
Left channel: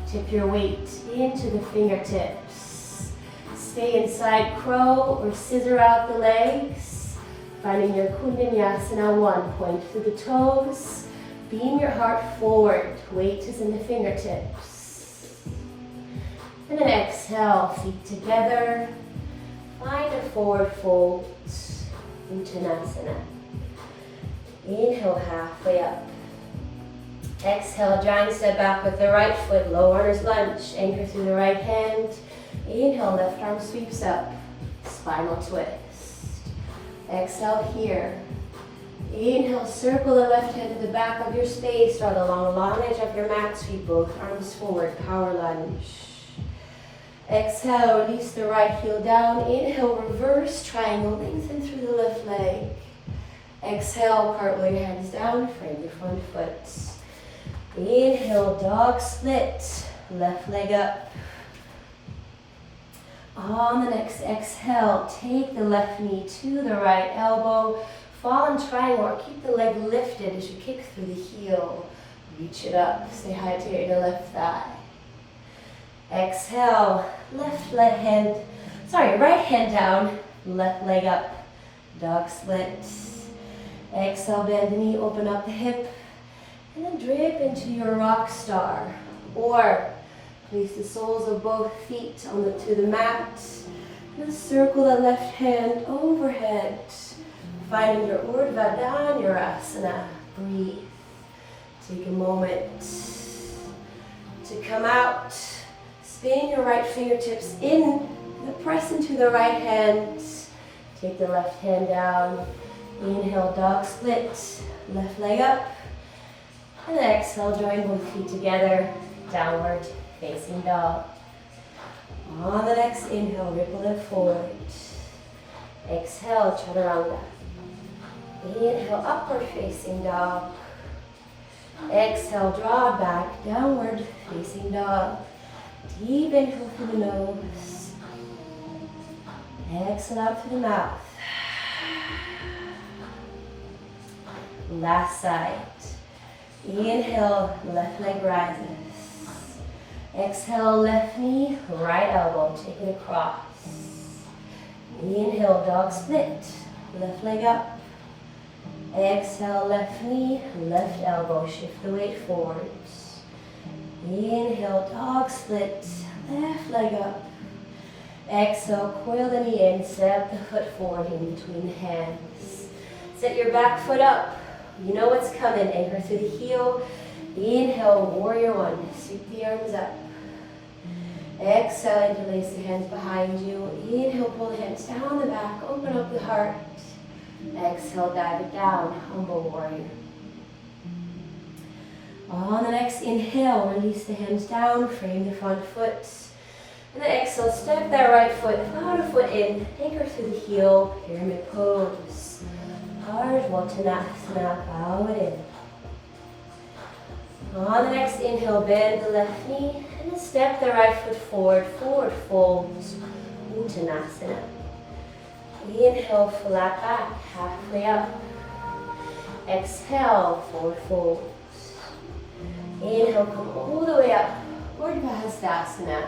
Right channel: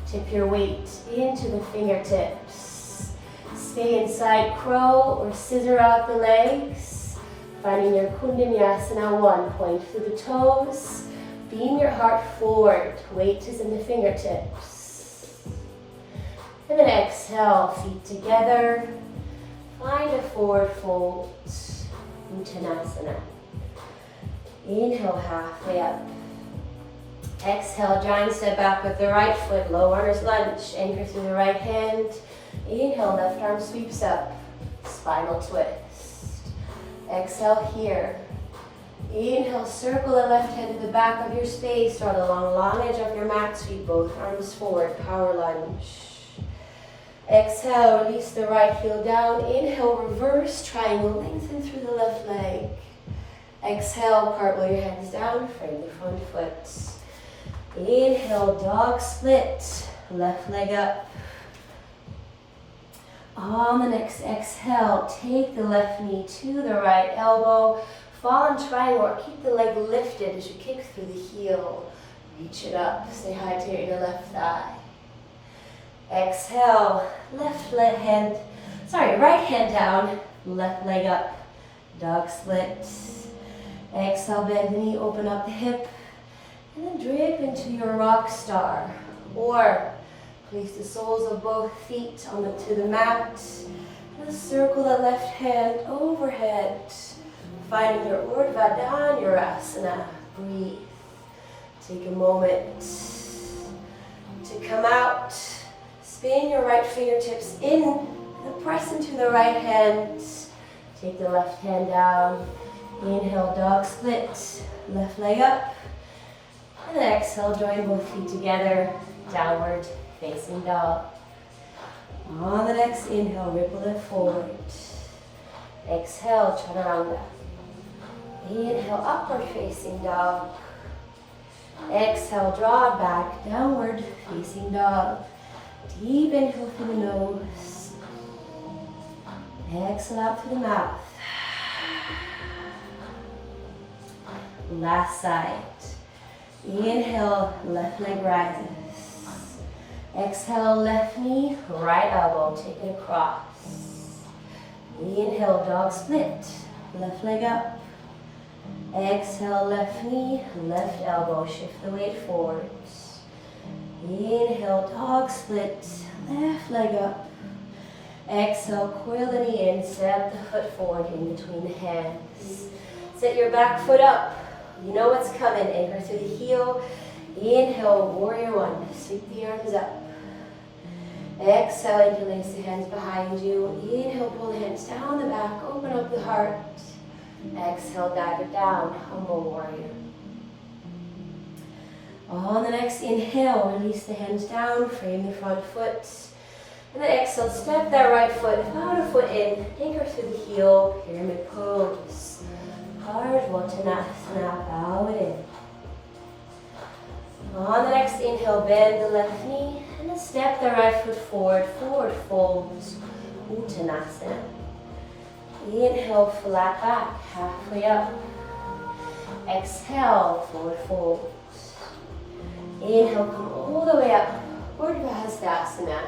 Tip your weight into the fingertips. Stay inside crow or scissor out the legs. Finding your Kundalini 1. Point through the toes. Beam your heart forward. Weight is in the fingertips. And then exhale, feet together. Find a forward fold. Uttanasana. Inhale, halfway up. Exhale, giant step back with the right foot, low runner's lunge. Anchor through the right hand. Inhale, left arm sweeps up. Spinal twist. Exhale here. Inhale, circle the left hand to the back of your space. Draw the long edge of your mat. Sweep both arms forward. Power lunge. Exhale, release the right heel down. Inhale, reverse triangle. Lengthen through the left leg. Exhale, cartwheel your hands down. Frame the front foot. Inhale, dog split. Left leg up. On the next exhale, take the left knee to the right elbow. Fall in triangle or keep the leg lifted as you kick through the heel. Reach it up. Say hi to your left thigh. Exhale, right hand down, left leg up. Dog split. Exhale, bend the knee, open up the hip. And then drip into your rock star. Or place the soles of both feet to the mat. And circle the left hand overhead. Finding your Urdhva Dhanurasana. Breathe. Take a moment to come out. Spin your right fingertips in and press into the right hand. Take the left hand down. Inhale, dog split. Left leg up. And then exhale, join both feet together. Downward facing dog. On the next inhale, ripple it forward. Exhale, chaturanga. Inhale, upward facing dog. Exhale, draw back, downward facing dog. Deep inhale through the nose. Exhale out through the mouth. Last side. Inhale, left leg rises. Exhale, left knee, right elbow, take it across. Inhale, dog split. Left leg up. Exhale, left knee, left elbow, shift the weight forwards. Inhale, dog split, left leg up. Exhale, coil the knee in, step the foot forward in between the hands. Set your back foot up. You know what's coming. Anchor through the heel. Inhale, warrior one. Sweep the arms up. Exhale, interlace the hands behind you. Inhale, pull the hands down the back, open up the heart. Exhale, dive it down, humble warrior. On the next inhale, release the hands down, frame the front foot. And then exhale, step that right foot, outer foot in, anchor through the heel, pyramid pose. Ardhva bow it in. On the next inhale, bend the left knee, and then step the right foot forward, forward folds, Uttanasana. Inhale, flat back, halfway up. Exhale, forward folds. Inhale, come all the way up, Urdhva Hastasana.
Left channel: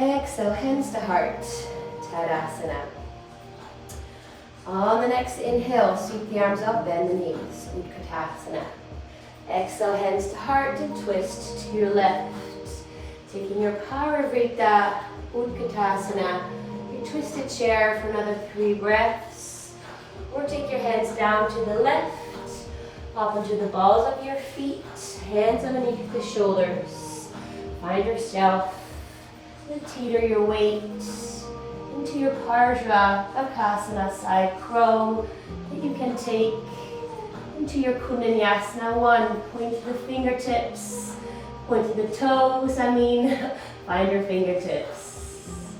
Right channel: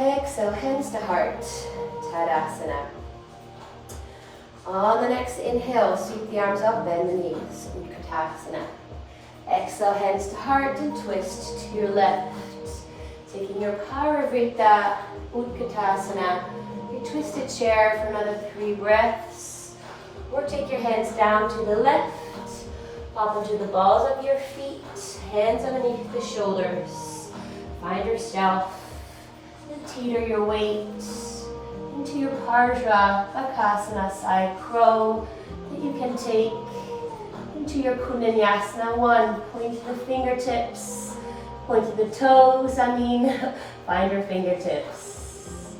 Exhale, hands to heart, Tadasana. On the next inhale, sweep the arms up, bend the knees, Utkatasana. Exhale, hands to heart and twist to your left. Taking your Parivrita Utkatasana, your twisted chair for another 3 breaths. Or take your hands down to the left, pop into the balls of your feet, hands underneath the shoulders. Find yourself, and teeter your weight into your Parja Bakasana side crow that you can take into your Kundalini 1. Point to the fingertips, point to the toes, find your fingertips.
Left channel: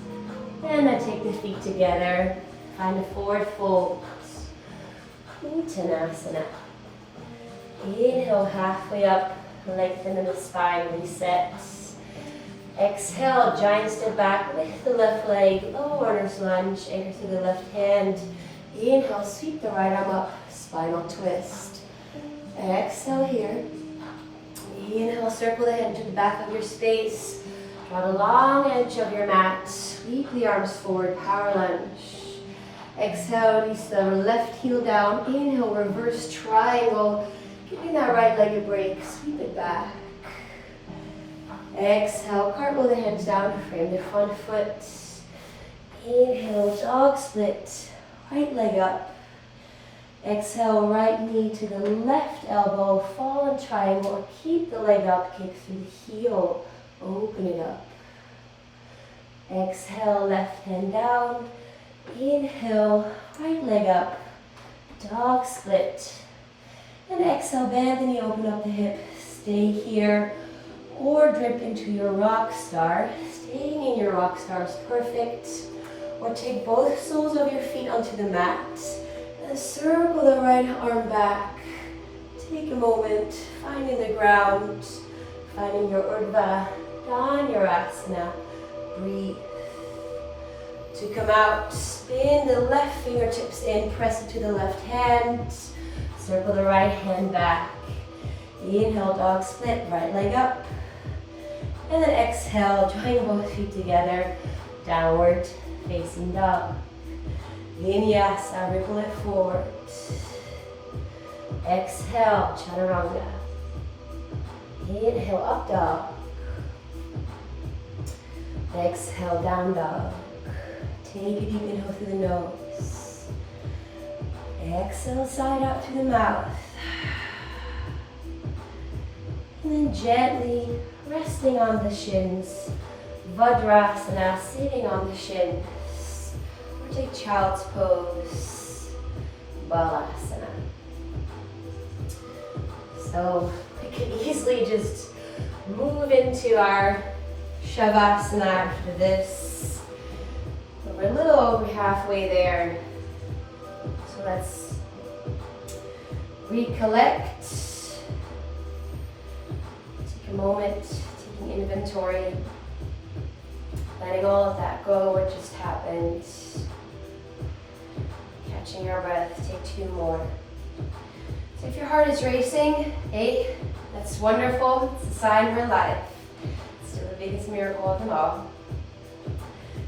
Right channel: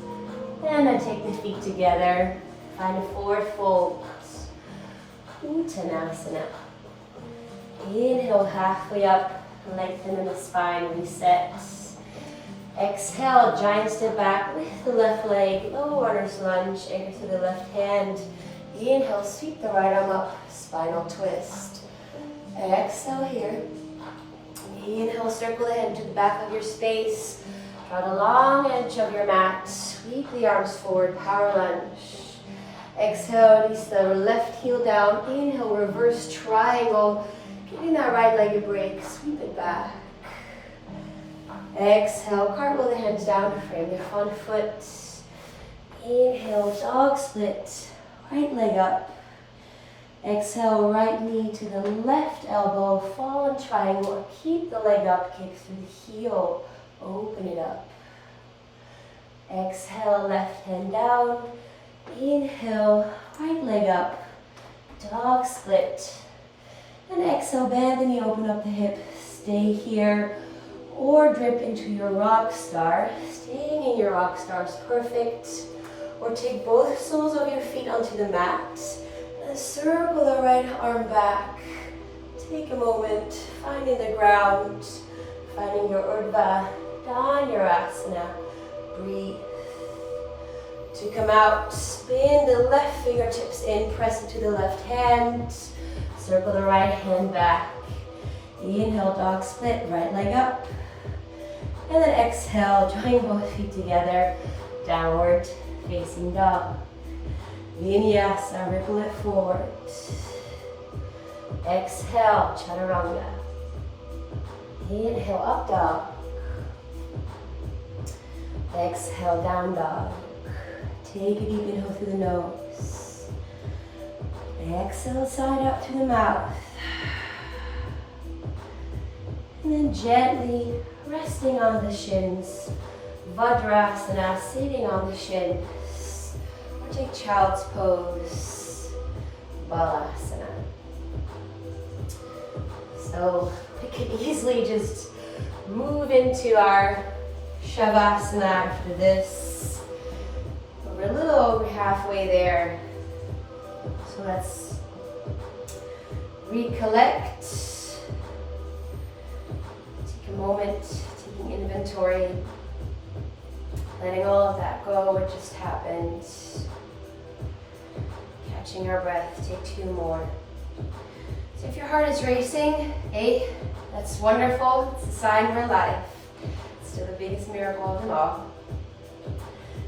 And then take the feet together, find a forward fold, Uttanasana. Inhale, halfway up, lengthen in the spine, reset. Exhale, giant step back, lift the left leg, low runner's lunge, anchor through the left hand. Inhale, sweep the right arm up, spinal twist. Exhale here. Inhale, circle the head to the back of your space. Draw the long edge of your mat. Sweep the arms forward, power lunge. Exhale, release the left heel down. Inhale, reverse triangle. Giving that right leg a break. Sweep it back. Exhale, cartwheel the hands down, frame the front foot. Inhale, dog split, right leg up. Exhale, right knee to the left elbow, fall in triangle, keep the leg up, kick through the heel, open it up. Exhale, left hand down, inhale, right leg up, dog split. And exhale, bend the knee, open up the hip, stay here, or drip into your rock star. Staying in your rock star is perfect. Or take both soles of your feet onto the mat. And circle the right arm back. Take a moment, finding the ground, finding your Urdhva Dhanurasana. Breathe. To come out, spin the left fingertips in, press it to the left hand. Circle the right hand back. Inhale, dog split, right leg up. And then exhale, join both feet together, downward facing dog. Vinyasa, ripple it forward. Exhale, chaturanga. Inhale, up dog. Exhale, down dog. Take a deep inhale through the nose. Exhale, side up through the mouth. And then gently resting on the shins. Vajrasana, sitting on the shins. Or take child's pose. Balasana. So we can easily just move into our Shavasana after this. We're a little over halfway there. So let's recollect. Take a moment, taking inventory, letting all of that go, what just happened. Catching our breath, take 2 more. So if your heart is racing, hey, that's wonderful. It's a sign we're alive. It's still the biggest miracle of them all.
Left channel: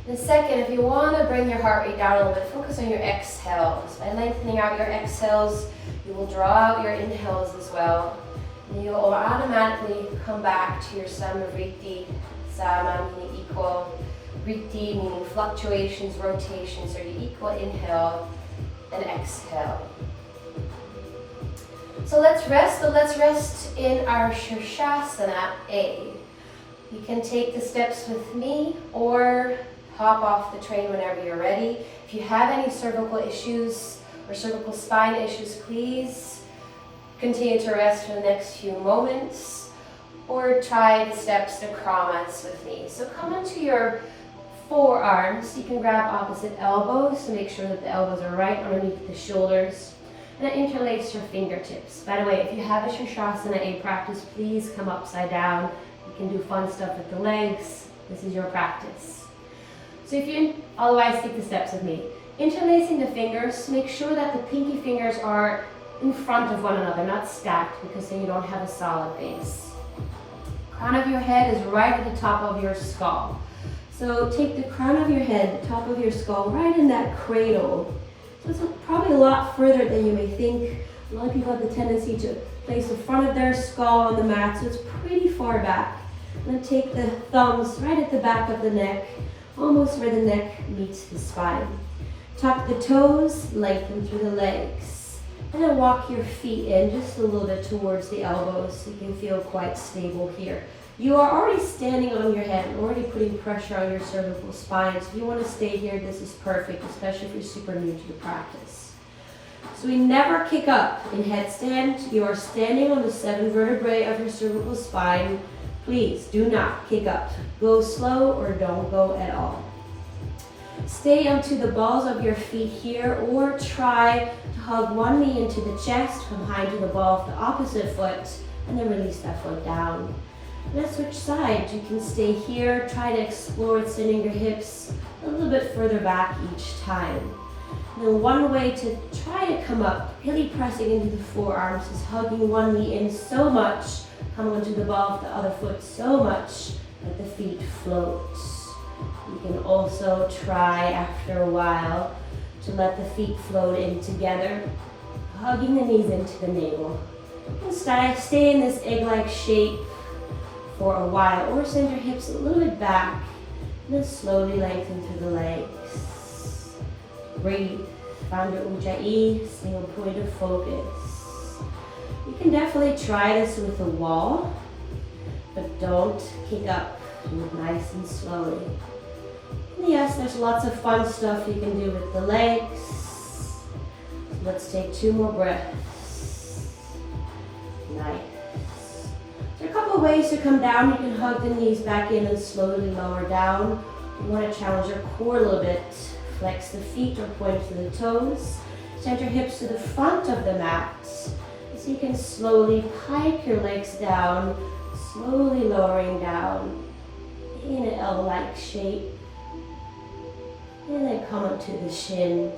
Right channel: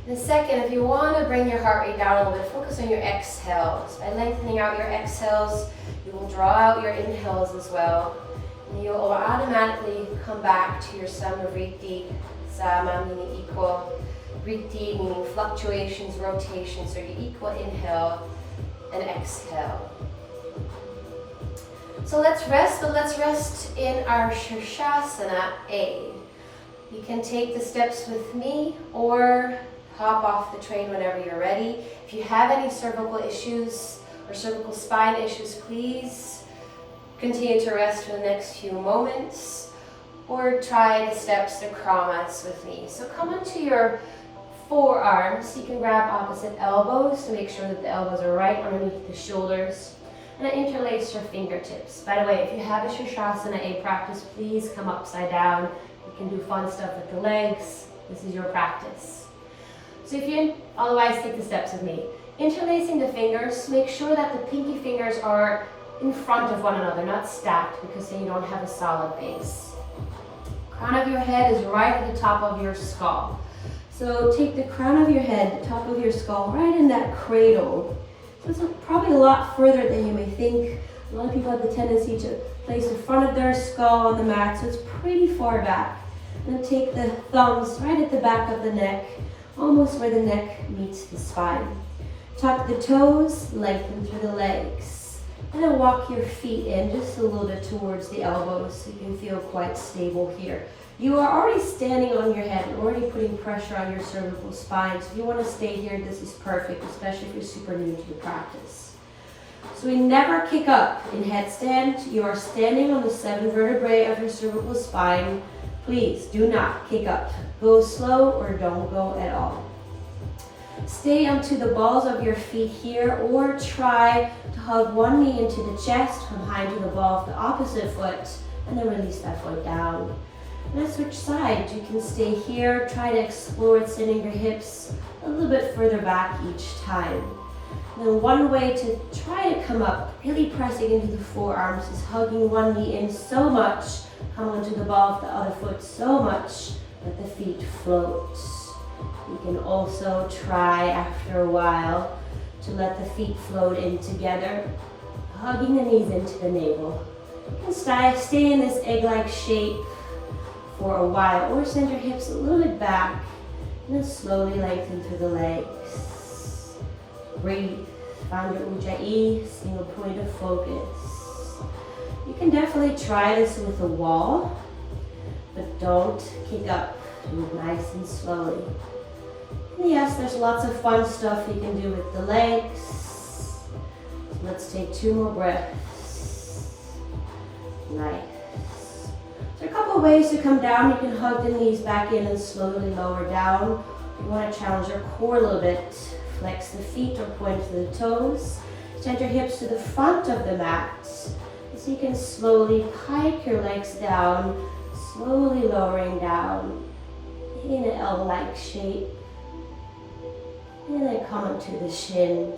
The second, if you want to bring your heart rate down a little bit, focus on your exhales. By lengthening out your exhales, you will draw out your inhales as well. And you'll automatically come back to your Samavritti, Sama meaning equal, Vritti meaning fluctuations, rotations, so you equal inhale and exhale. So let's rest, but let's rest in our Shirshasana A. You can take the steps with me or hop off the train whenever you're ready. If you have any cervical issues or cervical spine issues, please continue to rest for the next few moments or try the steps to Kramas with me. So come onto your forearms. You can grab opposite elbows to make sure that the elbows are right underneath the shoulders and interlace your fingertips. By the way, if you have a Shirshasana A practice, please come upside down. You can do fun stuff with the legs. This is your practice. So if you otherwise take the steps with me. Interlacing the fingers, make sure that the pinky fingers are in front of one another, not stacked, because then you don't have a solid base. Crown of your head is right at the top of your skull. So take the crown of your head, the top of your skull, right in that cradle. So it's probably a lot further than you may think. A lot of people have the tendency to place the front of their skull on the mat, so it's pretty far back. And then take the thumbs right at the back of the neck, almost where the neck meets the spine. Tuck the toes, lengthen through the legs. And then walk your feet in just a little bit towards the elbows so you can feel quite stable here. You are already standing on your head and already putting pressure on your cervical spine. So if you want to stay here, this is perfect, especially if you're super new to the practice. So we never kick up in headstand. You are standing on the 7 vertebrae of your cervical spine. Please do not kick up. Go slow or don't go at all. Stay onto the balls of your feet here or try to hug one knee into the chest, come behind to the ball of the opposite foot, and then release that foot down. And then switch sides. You can stay here, try to explore sending your hips a little bit further back each time. And then one way to try to come up, really pressing into the forearms, is hugging one knee in so much, come onto the ball of the other foot so much that the feet float. You can also try after a while to let the feet float in together, hugging the knees into the navel. You can stay in this egg-like shape for a while, or send your hips a little bit back, and then slowly lengthen through the legs. Breathe. Find your ujjayi, single point of focus. You can definitely try this with a wall, but don't kick up. Do it nice and slowly. And yes, there's lots of fun stuff you can do with the legs. So let's take 2 more breaths. Nice. There are a couple of ways to come down. You can hug the knees back in and slowly lower down. You want to challenge your core a little bit. Flex the feet or point to the toes. Send your hips to the front of the mat. So you can slowly pike your legs down, slowly lowering down in an L-like shape. And then come up to the shins.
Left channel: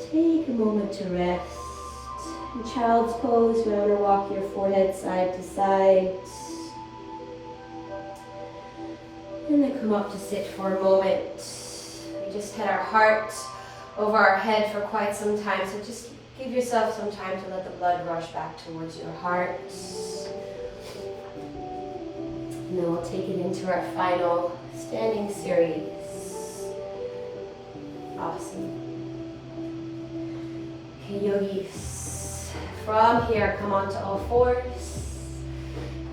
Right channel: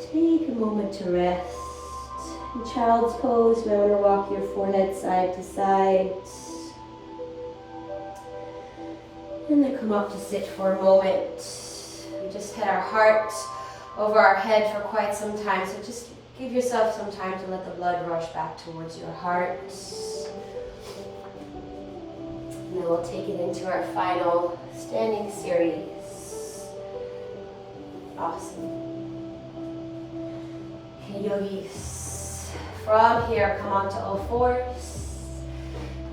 Take a moment to rest. In child's pose, you want to walk your forehead side to side. And then come up to sit for a moment. We just had our heart over our head for quite some time, so just give yourself some time to let the blood rush back towards your heart. And then we'll take it into our final standing series. Awesome. Okay, yogis. From here, come onto all fours.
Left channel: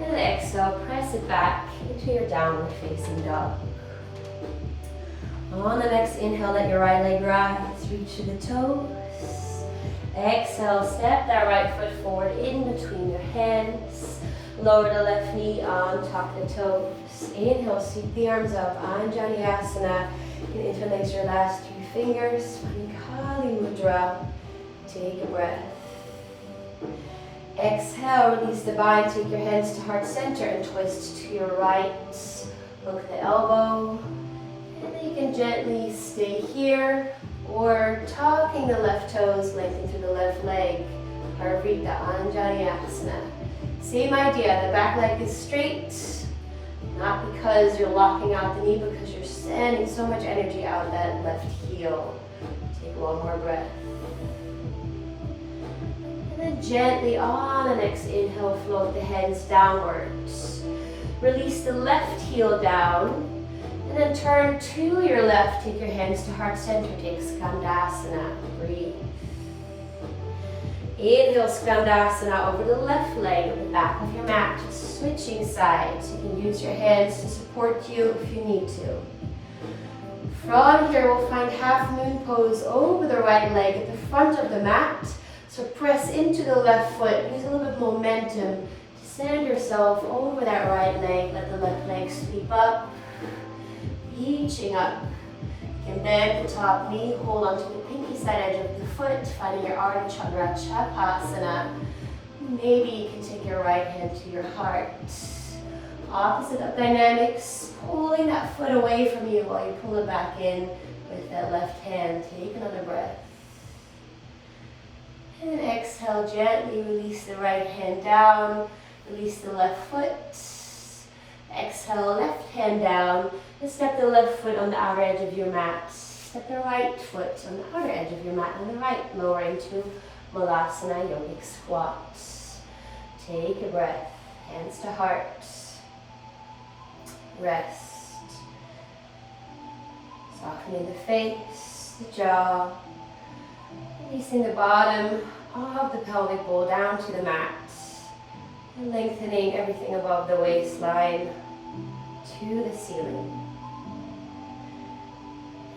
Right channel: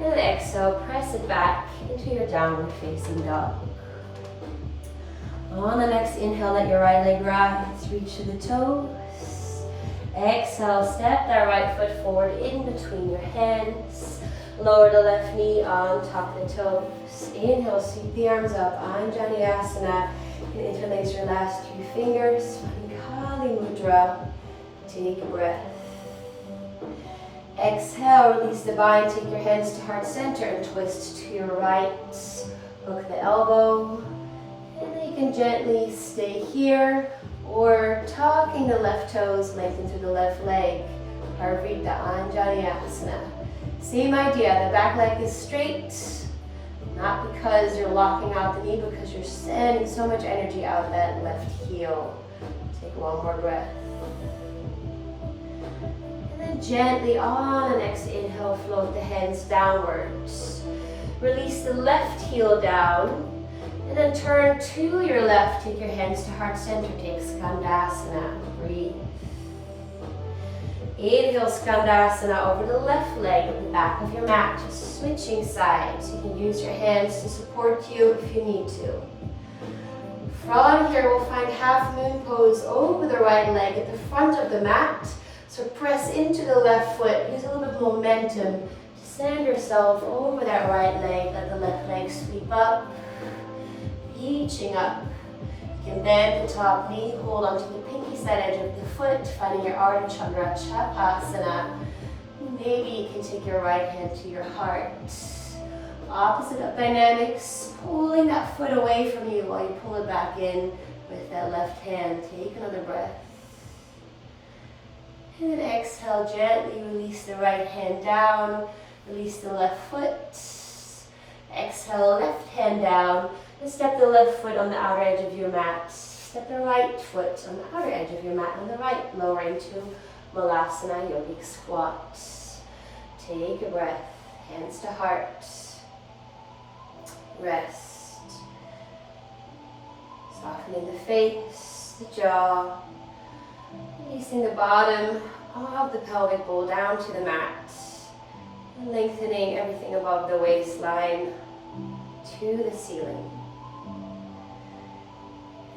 And exhale, press it back into your downward facing dog. On the next inhale, let your right leg rise, reach to the toes. Exhale, step that right foot forward in between your hands. Lower the left knee on top of the toes. Inhale, sweep the arms up, Vinyasa. You can interlace your last 2 fingers, Kali Mudra. Take a breath. Exhale, release the bind, take your hands to heart center and twist to your right. Hook the elbow. And then you can gently stay here or tucking the left toes, lengthen through the left leg. Parvrita Anjaneyasana. Same idea, the back leg is straight. Not because you're locking out the knee, because you're sending so much energy out that left heel. Take 1 more breath. And then gently on the next inhale, float the hands downwards. Release the left heel down. And then turn to your left, take your hands to heart center, take Skandasana. Breathe. Inhale, Skandasana over the left leg at the back of your mat, just switching sides. You can use your hands to support you if you need to. From here, we'll find half moon pose over the right leg at the front of the mat. So press into the left foot, use a little bit of momentum to send yourself over that right leg. Let the left leg sweep up, reaching up. You can bend the top knee, hold onto the pinky side edge of the foot, finding your Ardha Chakra Chakasana. Maybe you can take your right hand to your heart. Opposite of dynamics, pulling that foot away from you while you pull it back in with that left hand. Take another breath. And then exhale, gently release the right hand down, release the left foot. Exhale, left hand down, and step the left foot on the outer edge of your mat. Step the right foot on the outer edge of your mat, and the right lowering to Malasana Yogic Squat. Take a breath, hands to heart. Rest. Softening the face, the jaw. Releasing the bottom of the pelvic bowl down to the mat. And lengthening everything above the waistline to the ceiling.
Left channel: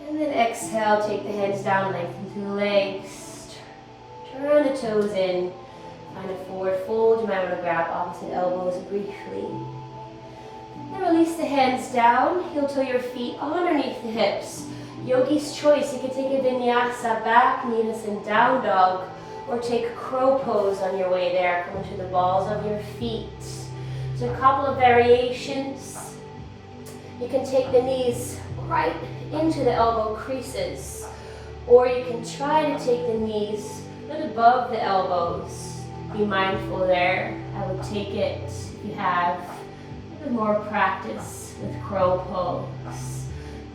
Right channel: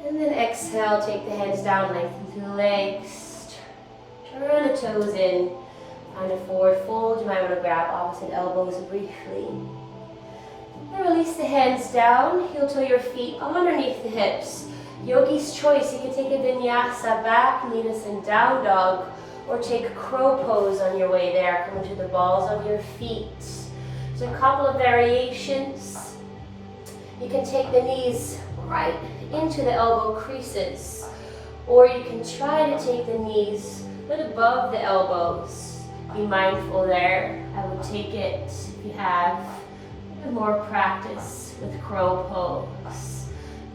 And then exhale, take the hands down, lengthen through the legs. Turn the toes in. Find a forward fold. You might want to grab opposite elbows briefly. And release the hands down. Heel toe your feet underneath the hips. Yogi's choice. You can take a vinyasa, back knees and down dog, or take crow pose on your way there. Come into the balls of your feet. So a couple of variations. You can take the knees right into the elbow creases, or you can try to take the knees a bit above the elbows. Be mindful there. I would take it if you have a bit more practice with crow pose.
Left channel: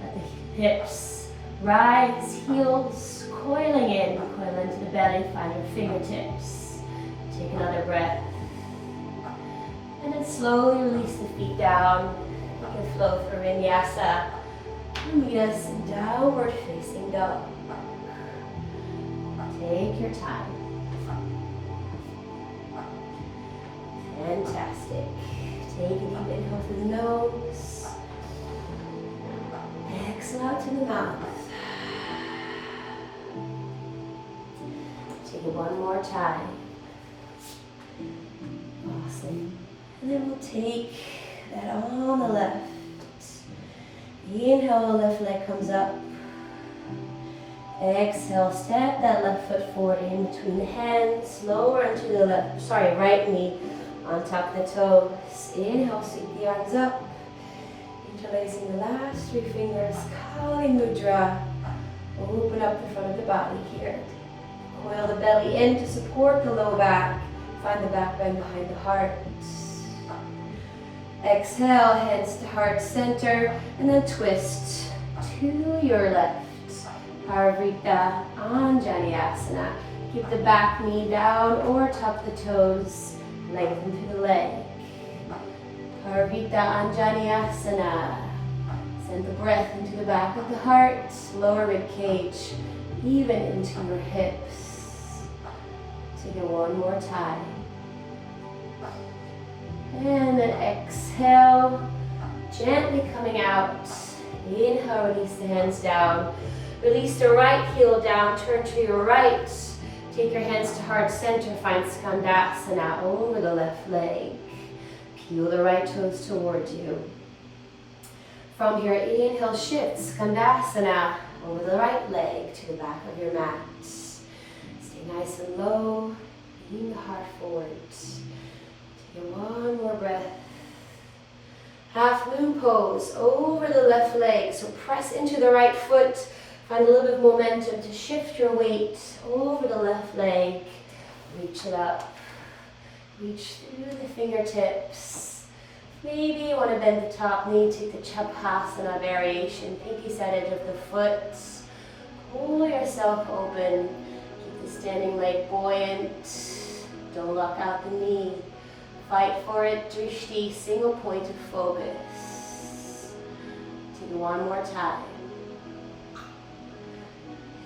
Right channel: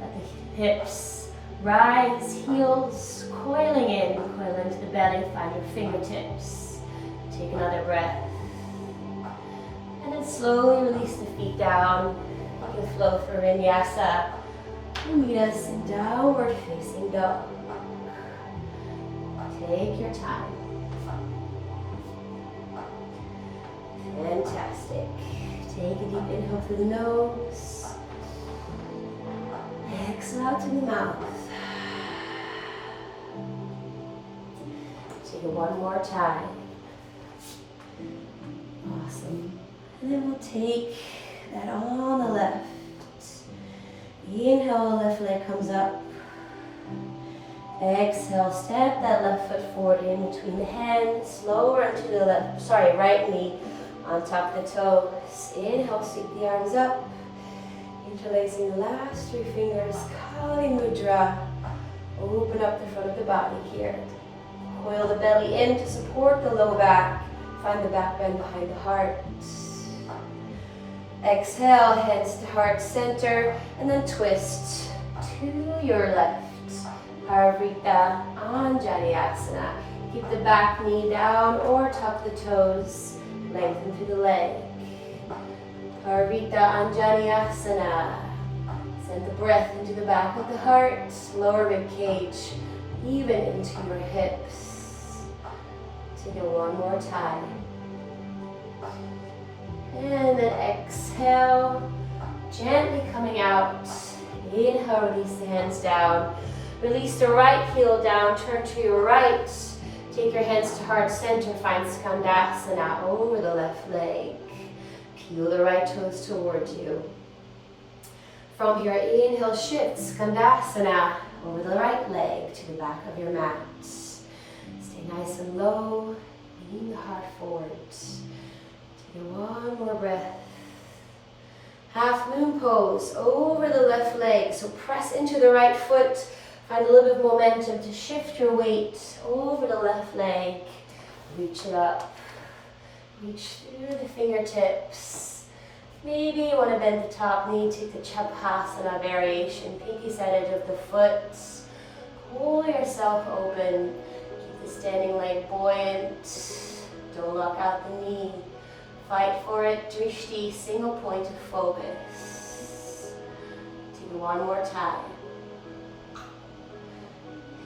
Let the hips rise, heels coiling in, coil into the belly, find your fingertips. Take another breath. And then slowly release the feet down. You can flow for Vinyasa. Meet us in downward facing dog. Take your time. Fantastic. Take a deep inhale through the nose. Exhale out to the mouth. Take it one more time. Awesome. And then we'll take that on the left. Inhale, the left leg comes up. Exhale, step that left foot forward in between the hands. Lower into the right knee on top of the toes. Inhale, sweep the arms up. Interlacing the last 3 fingers. Kali Mudra. Open up the front of the body here. Coil the belly in to support the low back. Find the back bend behind the heart. Exhale, hands to heart center, and then twist to your left. Parivrtta Anjaneyasana. Keep the back knee down or tuck the toes. Lengthen through the leg. Parivrtta Anjaneyasana. Send the breath into the back of the heart, lower rib cage, even into your hips. Take it one more time. And then exhale, gently coming out. Inhale, release the hands down. Release the right heel down, turn to your right. Take your hands to heart center, find Skandasana over the left leg. Peel the right toes toward you. From here, inhale, shift, Skandasana over the right leg to the back of your mat. Stay nice and low, lean the heart forward. Take one more breath. Half moon pose over the left leg. So press into the right foot. Find a little bit of momentum to shift your weight over the left leg. Reach it up. Reach through the fingertips. Maybe you want to bend the top knee, take the Chapasana variation. Pinky side edge of the foot. Pull yourself open. Keep the standing leg buoyant. Don't lock out the knee. Fight for it, drishti, single point of focus. Do one more time.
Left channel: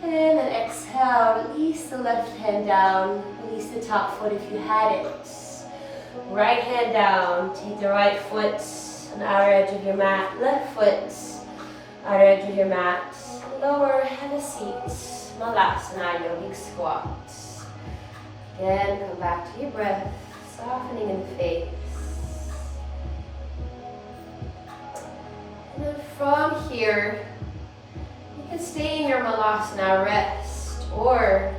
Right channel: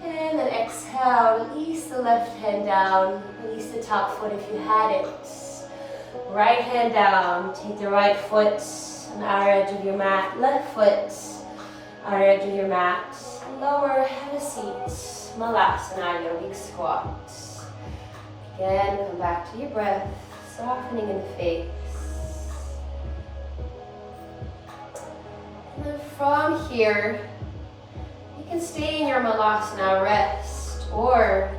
And then exhale, release the left hand down, release the top foot if you had it. Right hand down, take the right foot on the outer edge of your mat, left foot, outer edge of your mat. Lower, have a seat, Malasana, yogic squat. Again, come back to your breath. Softening in the face. And then from here, you can stay in your Malasana rest, or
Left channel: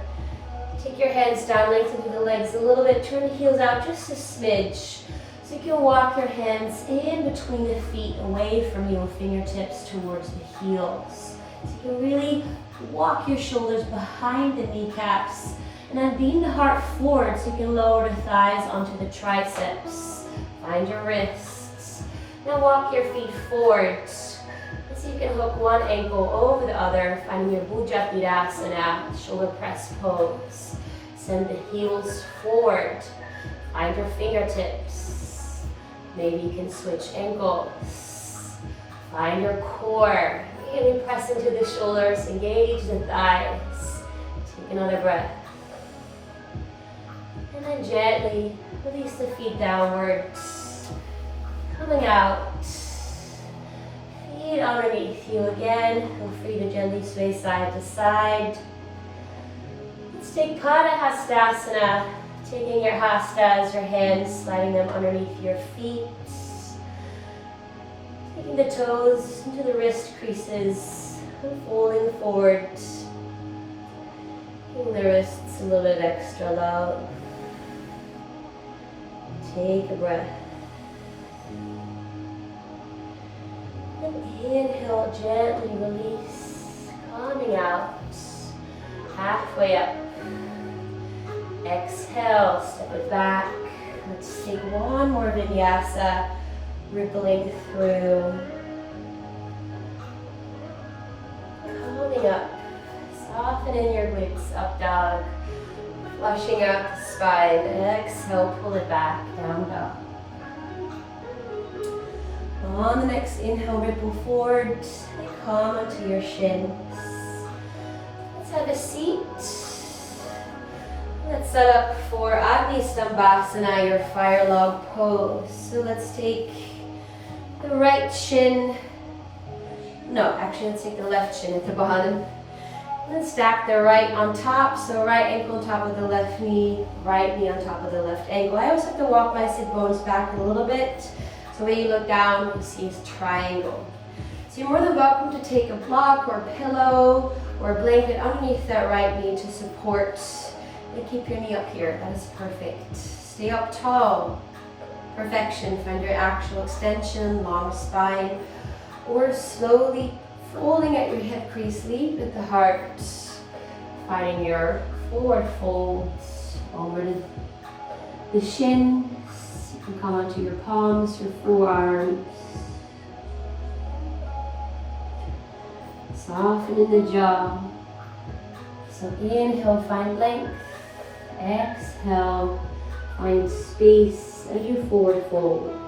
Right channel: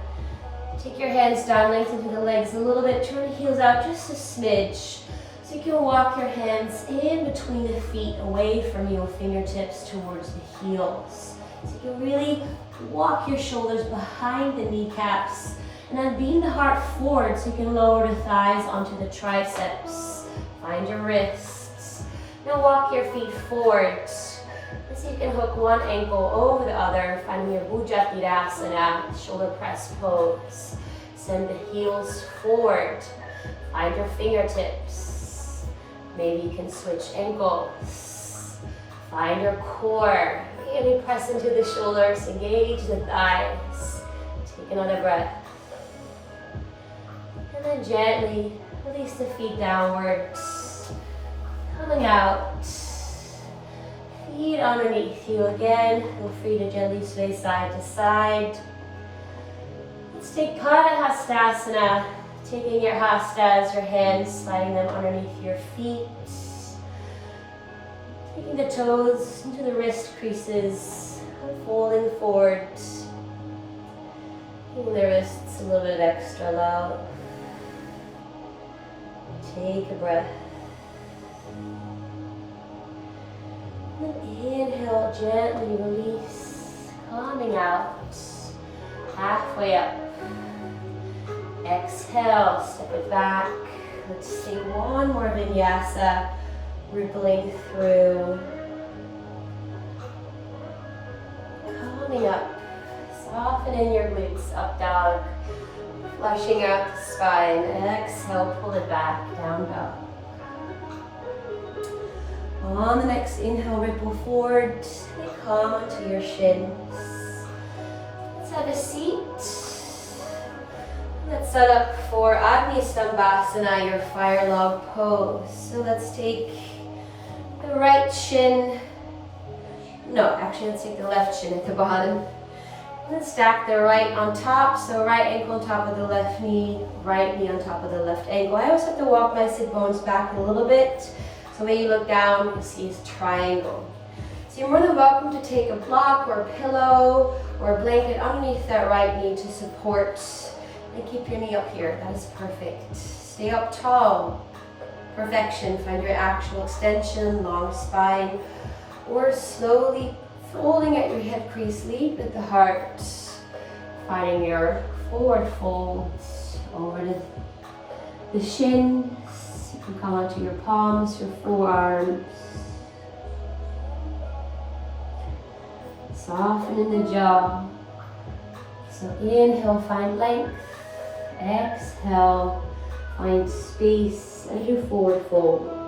take your hands down, lengthen through the legs a little bit, turn the heels out just a smidge. So you can walk your hands in between the feet, away from your fingertips towards the heels. So you can really walk your shoulders behind the kneecaps. And then beam the heart forward so you can lower the thighs onto the triceps. Find your wrists. Now walk your feet forward. So you can hook one ankle over the other, finding your Bhujatirasana, shoulder press pose. Send the heels forward. Find your fingertips. Maybe you can switch ankles. Find your core. Really press into the shoulders, engage the thighs. Take another breath. And then gently release the feet downwards, coming out. Feet underneath you again. Feel free to gently sway side to side. Let's take Pada Hastasana, taking your hastas, your hands, sliding them underneath your feet. Taking the toes into the wrist creases, folding forward. Giving the wrists a little bit of extra love. Take a breath. And inhale, gently release, coming out, halfway up. Exhale, step it back. Let's take one more vinyasa, rippling through. Coming up, softening your glutes, up dog. Flushing out the spine. Exhale, pull it back, down dog. On the next inhale, ripple forward. Come onto your shins. Let's have a seat. Let's set up for Agni Stambhasana, your fire log pose. So let's take the right shin, no, actually let's take the left shin at the bottom. Let's stack the right on top, so right ankle on top of the left knee, right knee on top of the left ankle. I always have to walk my sit bones back a little bit, so when you look down, you see a triangle. So you're more than welcome to take a block or a pillow or a blanket underneath that right knee to support. And keep your knee up here, that is perfect. Stay up tall, perfection. Find your actual extension, long spine, or slowly folding at your head crease, lead with the heart. Finding your forward folds over the shins. You can come onto your palms, your forearms. Soften in the jaw. So inhale, find length. Exhale, find space as you forward fold.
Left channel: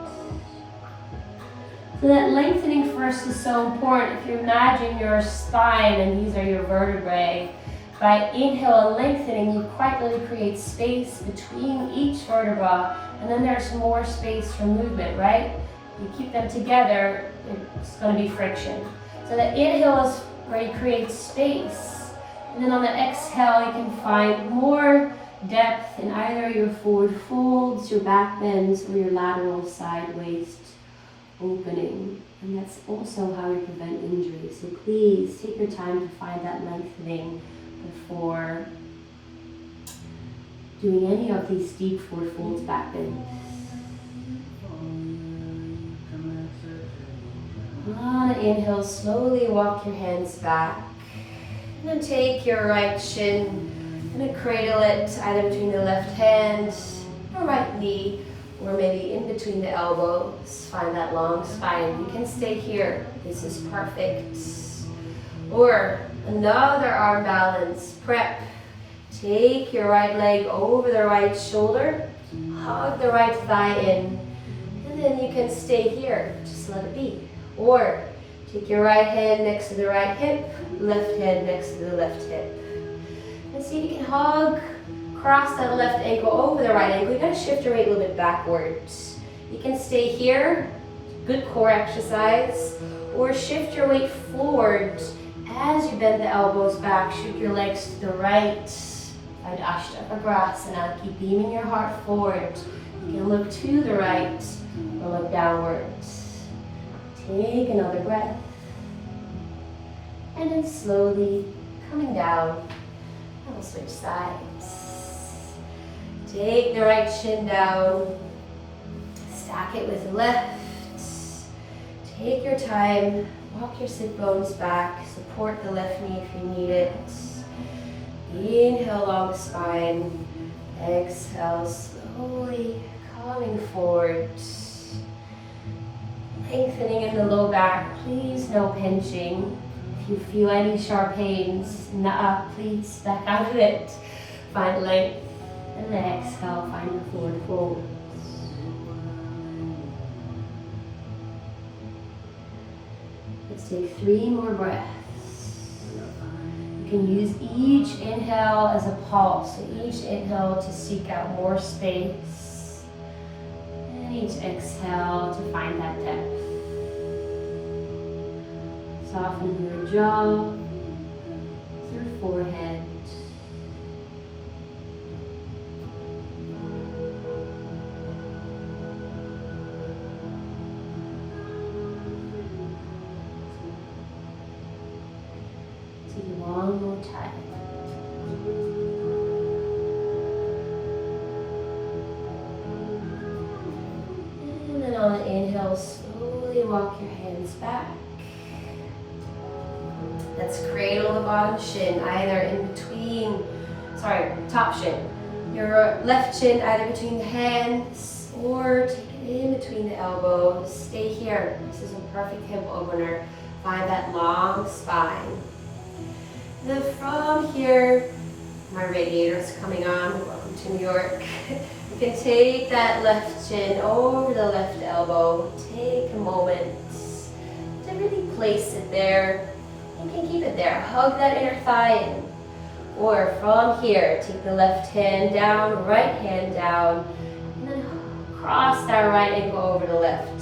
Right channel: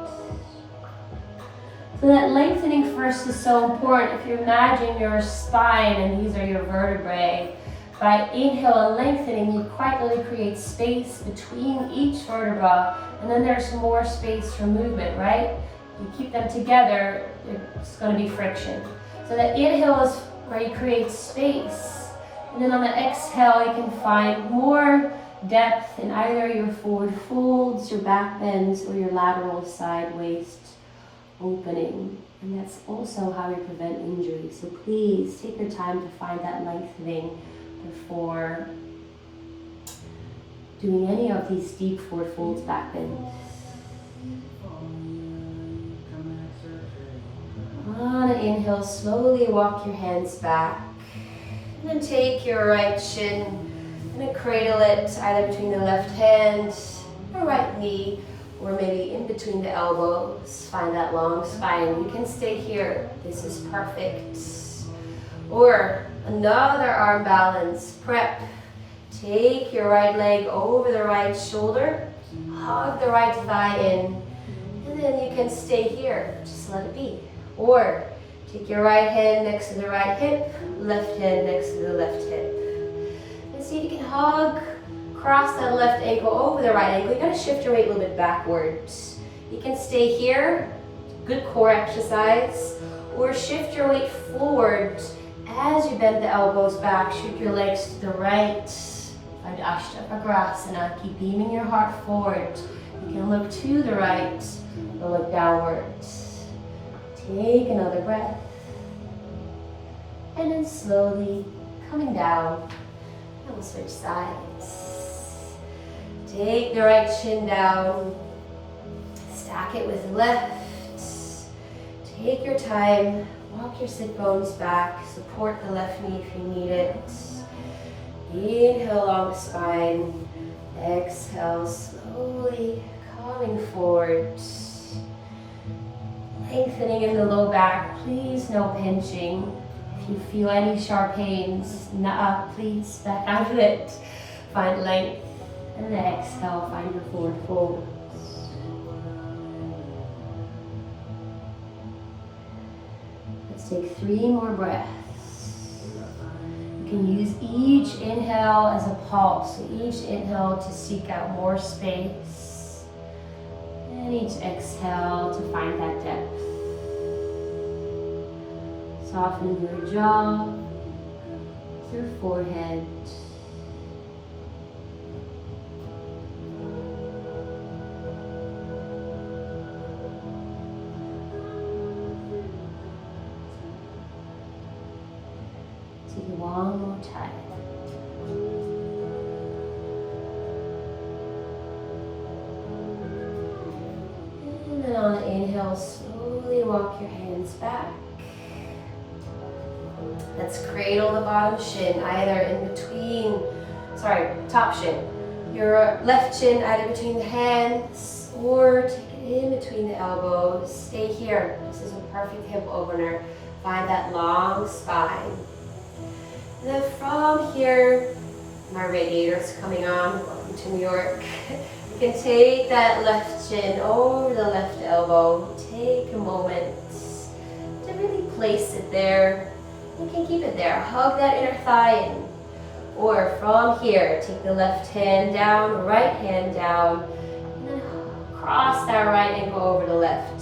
So that lengthening first is so important. If you imagine your spine and these are your vertebrae, by inhale and lengthening, you quite literally create space between each vertebra, and then there's more space for movement, right? You keep them together, it's going to be friction. So the inhale is where you create space, and then on the exhale, you can find more depth in either your forward folds, your back bends, or your lateral side waist opening. And that's also how you prevent injury. So please take your time to find that lengthening before doing any of these deep forward folds, back bends. On an inhale, slowly walk your hands back. And then take your right shin and cradle it either between the left hand or right knee, or maybe in between the elbows. Find that long spine. You can stay here. This is perfect. Or another arm balance. Prep. Take your right leg over the right shoulder. Hug the right thigh in. And then you can stay here. Just let it be. Or take your right hand next to the right hip. Left hand next to the left hip. And see if you can hug. Cross that left ankle over the right ankle. You gotta shift your weight a little bit backwards. You can stay here, good core exercise, or shift your weight forward as you bend the elbows back. Shoot your legs to the right. Find Ashtavagrasana. Keep beaming your heart forward. You can look to the right or look downwards. Take another breath. And then slowly coming down. And we'll switch sides. Take the right shin down, stack it with the left. Take your time, walk your sit bones back, support the left knee if you need it. Inhale, long spine. Exhale, slowly coming forward. Lengthening in the low back, please no pinching. If you feel any sharp pains, please back out of it. Find length. And then exhale, find your forward fold. Let's take 3 more breaths. You can use each inhale as a pulse. So each inhale to seek out more space. And each exhale to find that depth. Soften your jaw, your forehead. One more time. And then on the inhale, slowly walk your hands back. Let's cradle the bottom shin, either in between, top shin. Your left shin either between the hands or take it in between the elbows. Stay here. This is a perfect hip opener. Find that long spine. And then from here, my radiator is coming on. Welcome to New York. You can take that left shin over the left elbow. Take a moment to really place it there. You can keep it there. Hug that inner thigh in. Or from here, take the left hand down, right hand down, and then cross that right ankle over the left.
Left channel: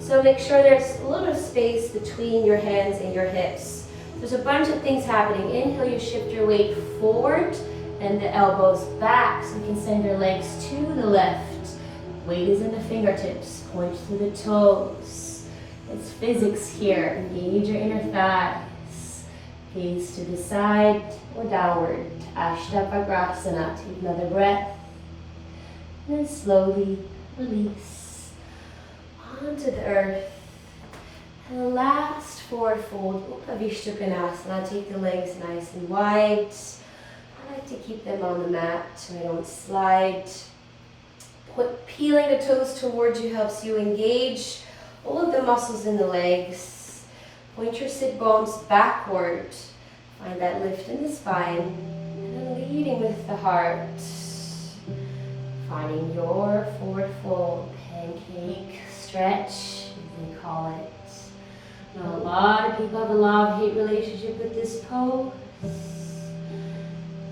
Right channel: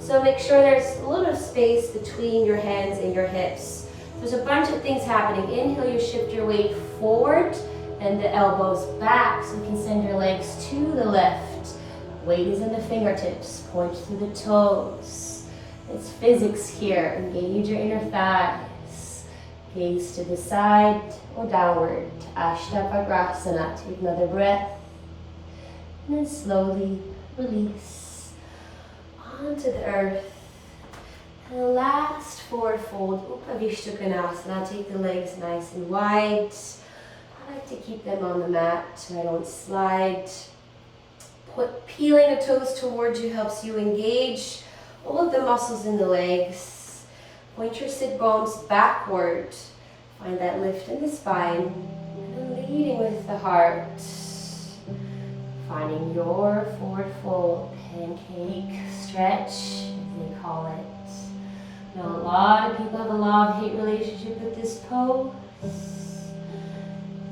So make sure there's a little space between your hands and your hips. There's a bunch of things happening. Inhale, you shift your weight forward and the elbows back, so you can send your legs to the left. Weight is in the fingertips, point through the toes. It's physics here. Engage your inner thighs. Gaze to the side or downward. Ashtavagrasana. Take another breath. And then slowly release onto the earth. And the last forward fold, Upavishtakonasana. Take the legs nice and wide. I like to keep them on the mat so I don't slide. Peeling the toes towards you helps you engage all of the muscles in the legs. Point your sit bones backward. Find that lift in the spine. And then leading with the heart. Finding your forward fold. Pancake stretch, as they call it. Now a lot of people have a love-hate relationship with this pose.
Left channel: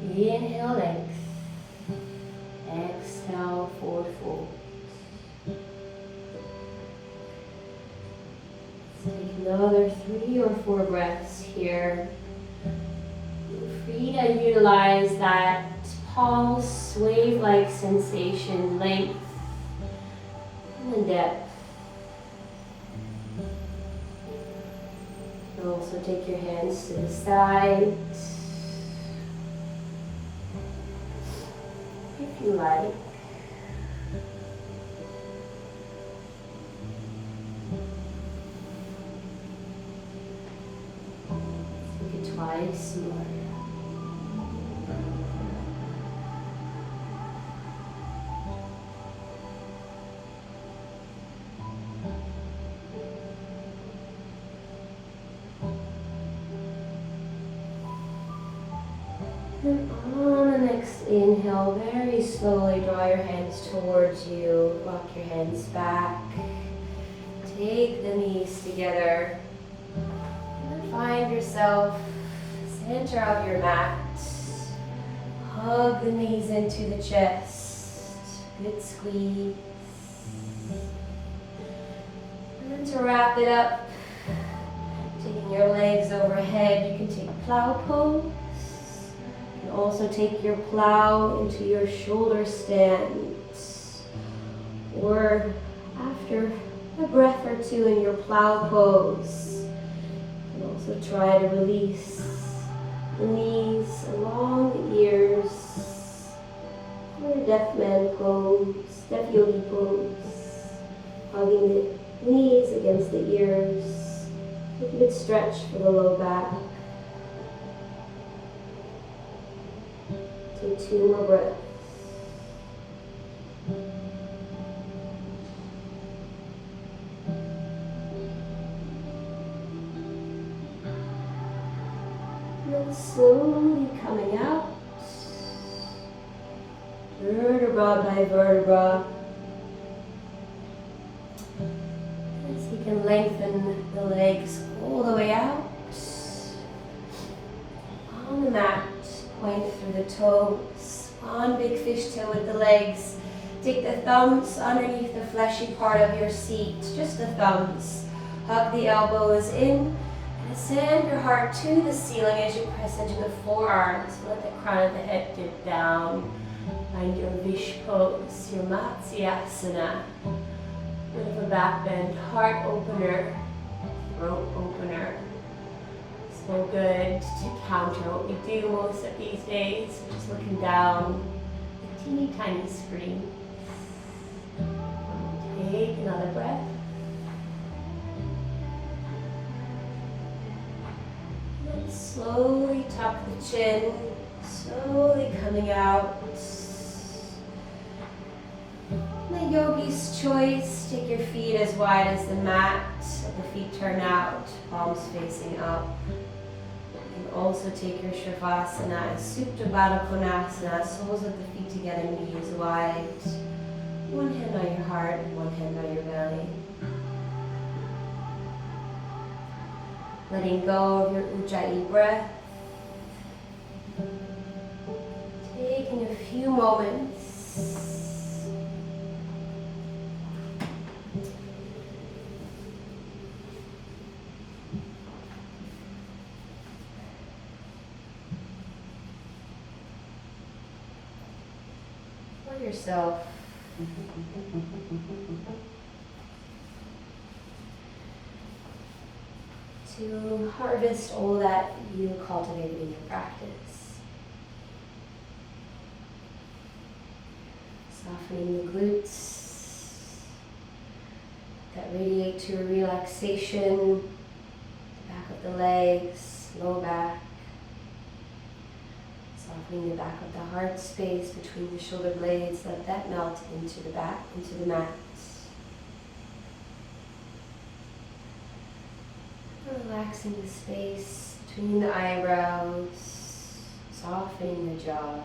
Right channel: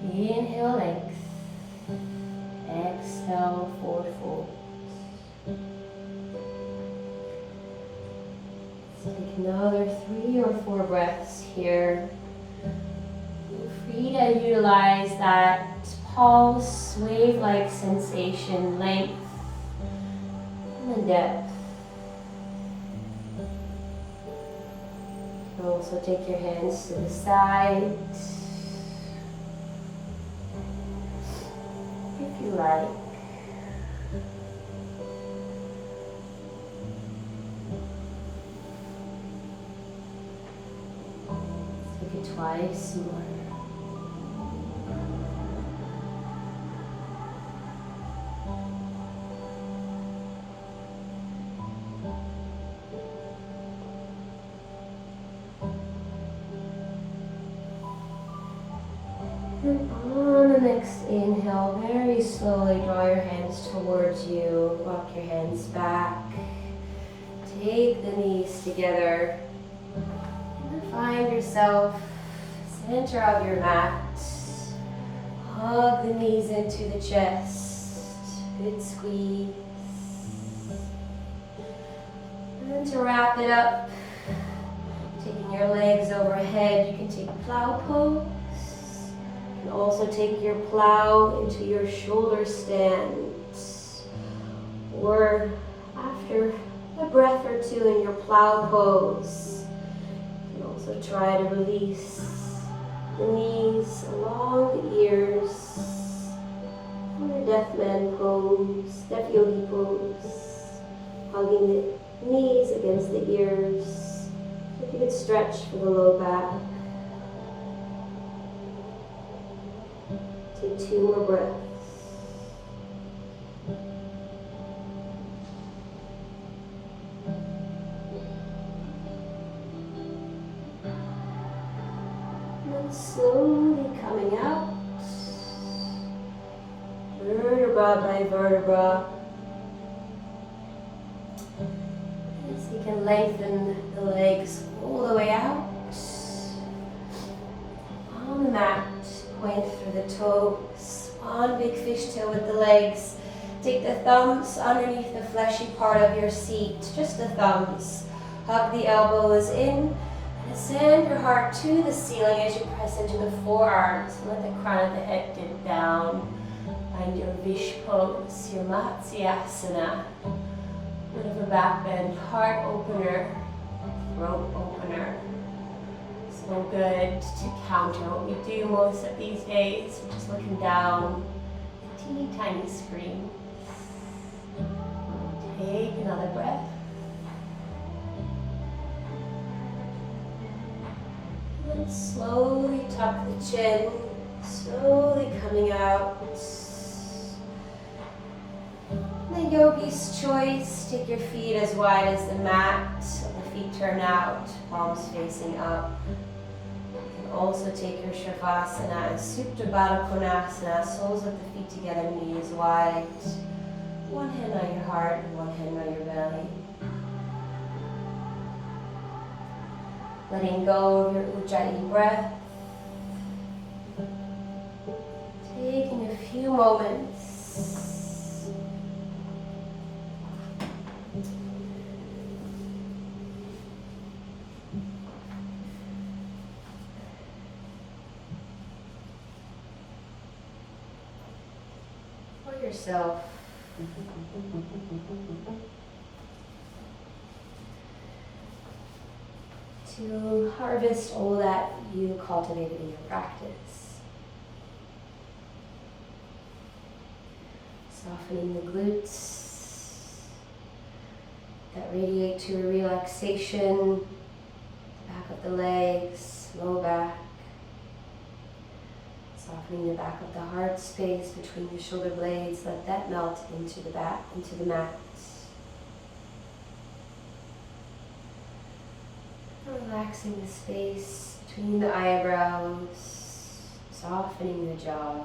Inhale, length. Exhale, forward fold. Let's take another 3 or 4 breaths here. Feel free to utilize that pulse, wave-like sensation, length, and then depth. And also take your hands to the side. If you like. Let's take it twice more. And on the next inhale, very slowly draw your hands towards you. Rock your hands back. Take the knees together. And then find yourself center of your mat. Hug the knees into the chest. Good squeeze. And then to wrap it up, taking your legs overhead, you can take plow pose. And also take your plow into your shoulder stand. Or after a breath or two in your plow pose, you can also try to release the knees along the ears. Or deaf man pose, deaf yogi pose. Hugging the knees against the ears. Take a good stretch for the low back. Take 2 more breaths. And then slowly coming out, vertebra by vertebra. As you can lengthen the legs all the way out. On the mat. Point through the toes. One big fishtail with the legs. Take the thumbs underneath the fleshy part of your seat. Just the thumbs. Hug the elbows in. And send your heart to the ceiling as you press into the forearms. Let the crown of the head dip down. Find your Vish pose, your Matsyasana. Bit of a back bend, heart opener, throat opener. So good to counter what we do most of these days, which is looking down the teeny tiny screen. Take another breath. And slowly tuck the chin, slowly coming out. The yogi's choice, take your feet as wide as the mat, so the feet turn out, palms facing up. Also take your Shavasana, Supta Baddha Konasana, soles of the feet together, knees wide. One hand on your heart and one hand on your belly. Letting go of your Ujjayi breath. few moments. For yourself. To harvest all that you cultivated in your practice. Softening the glutes that radiate to a relaxation, the back of the legs, low back. Softening the back of the heart space between the shoulder blades, let that melt into the back, into the mat. Relaxing the space between the eyebrows, softening the jaw.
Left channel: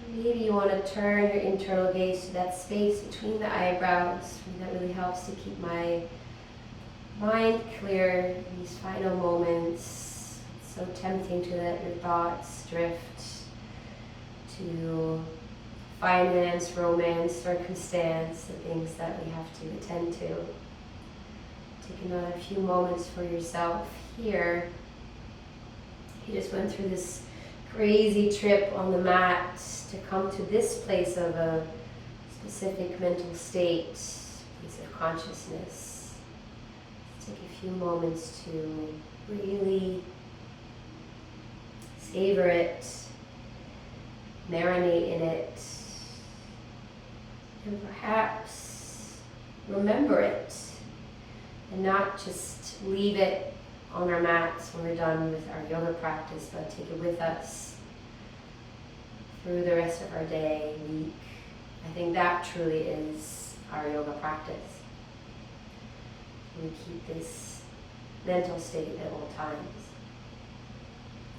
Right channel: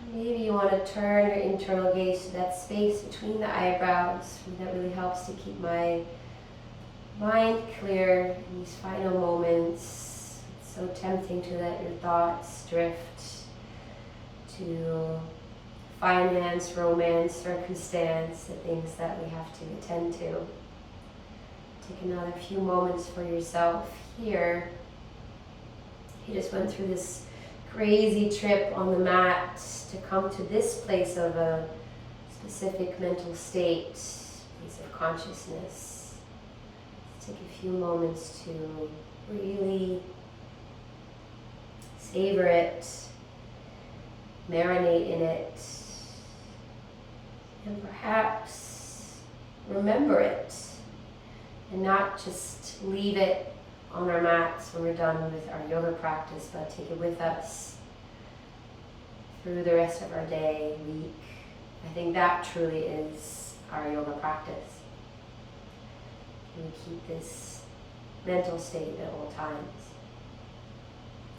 And maybe you want to turn your internal gaze to that space between the eyebrows. That really helps to keep my mind clear in these final moments. It's so tempting to let your thoughts drift to finance, romance, circumstance, the things that we have to attend to. Take another few moments for yourself here. You just went through this crazy trip on the mat to come to this place of a specific mental state, place of consciousness. Take a few moments to really savor it, marinate in it, and perhaps remember it. And not just leave it on our mats when we're done with our yoga practice, but take it with us through the rest of our day, week. I think that truly is our yoga practice. We keep this mental state at all times.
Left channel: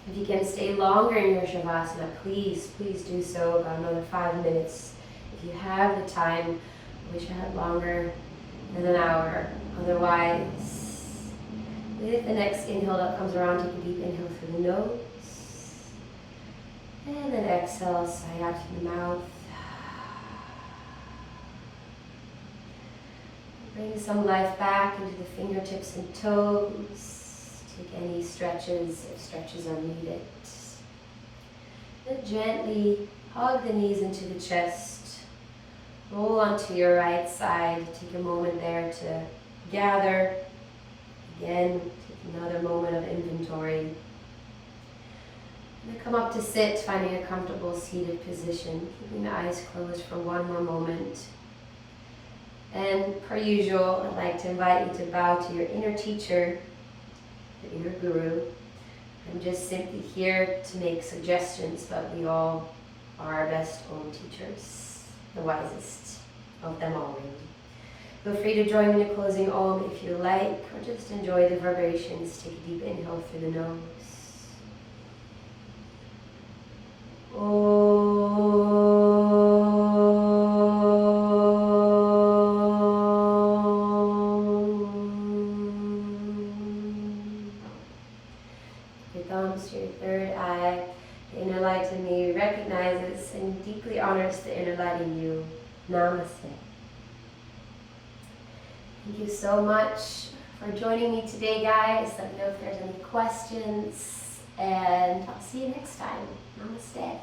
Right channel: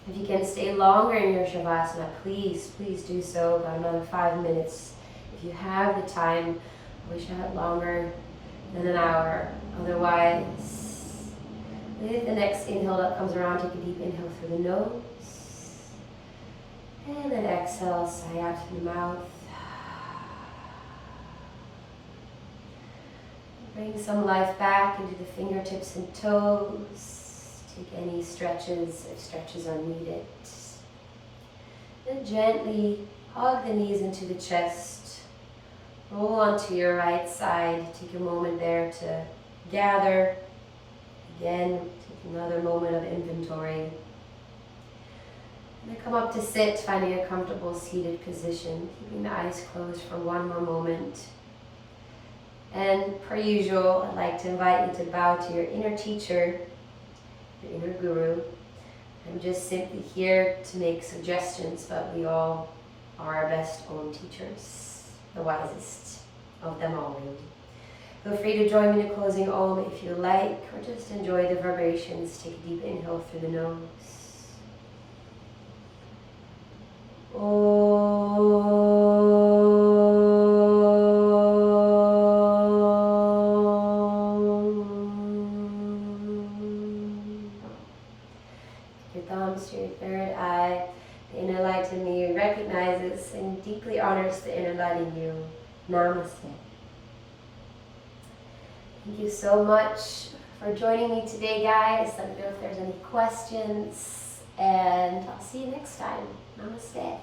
If you can stay longer in your Shavasana, please do so, about another 5 minutes. If you have the time, I wish I had longer than an hour. Otherwise, with the next inhale that comes around, take a deep inhale through the nose. And then exhale, sigh out through the mouth. Bring some life back into the fingertips and toes. Take any stretches if stretches are needed. And gently hug the knees into the chest. Roll onto your right side. Take a moment there to gather. Again, take another moment of inventory. And then come up to sit, finding a comfortable seated position, keeping the eyes closed for one more moment. And per usual, I'd like to invite you to bow to your inner teacher, your inner guru. I'm just simply here to make suggestions, but we all are our best own teachers, the wisest of them all, really. Feel free to join me in a closing Om if you like, or just enjoy the vibrations. Take a deep inhale through the nose. Your thumbs to your third eye. The inner light in me recognizes and deeply honors the inner light in you. Namaste. Thank you so much for joining me today, guys. Let me know if there's any questions, and I'll see you next time. Namaste.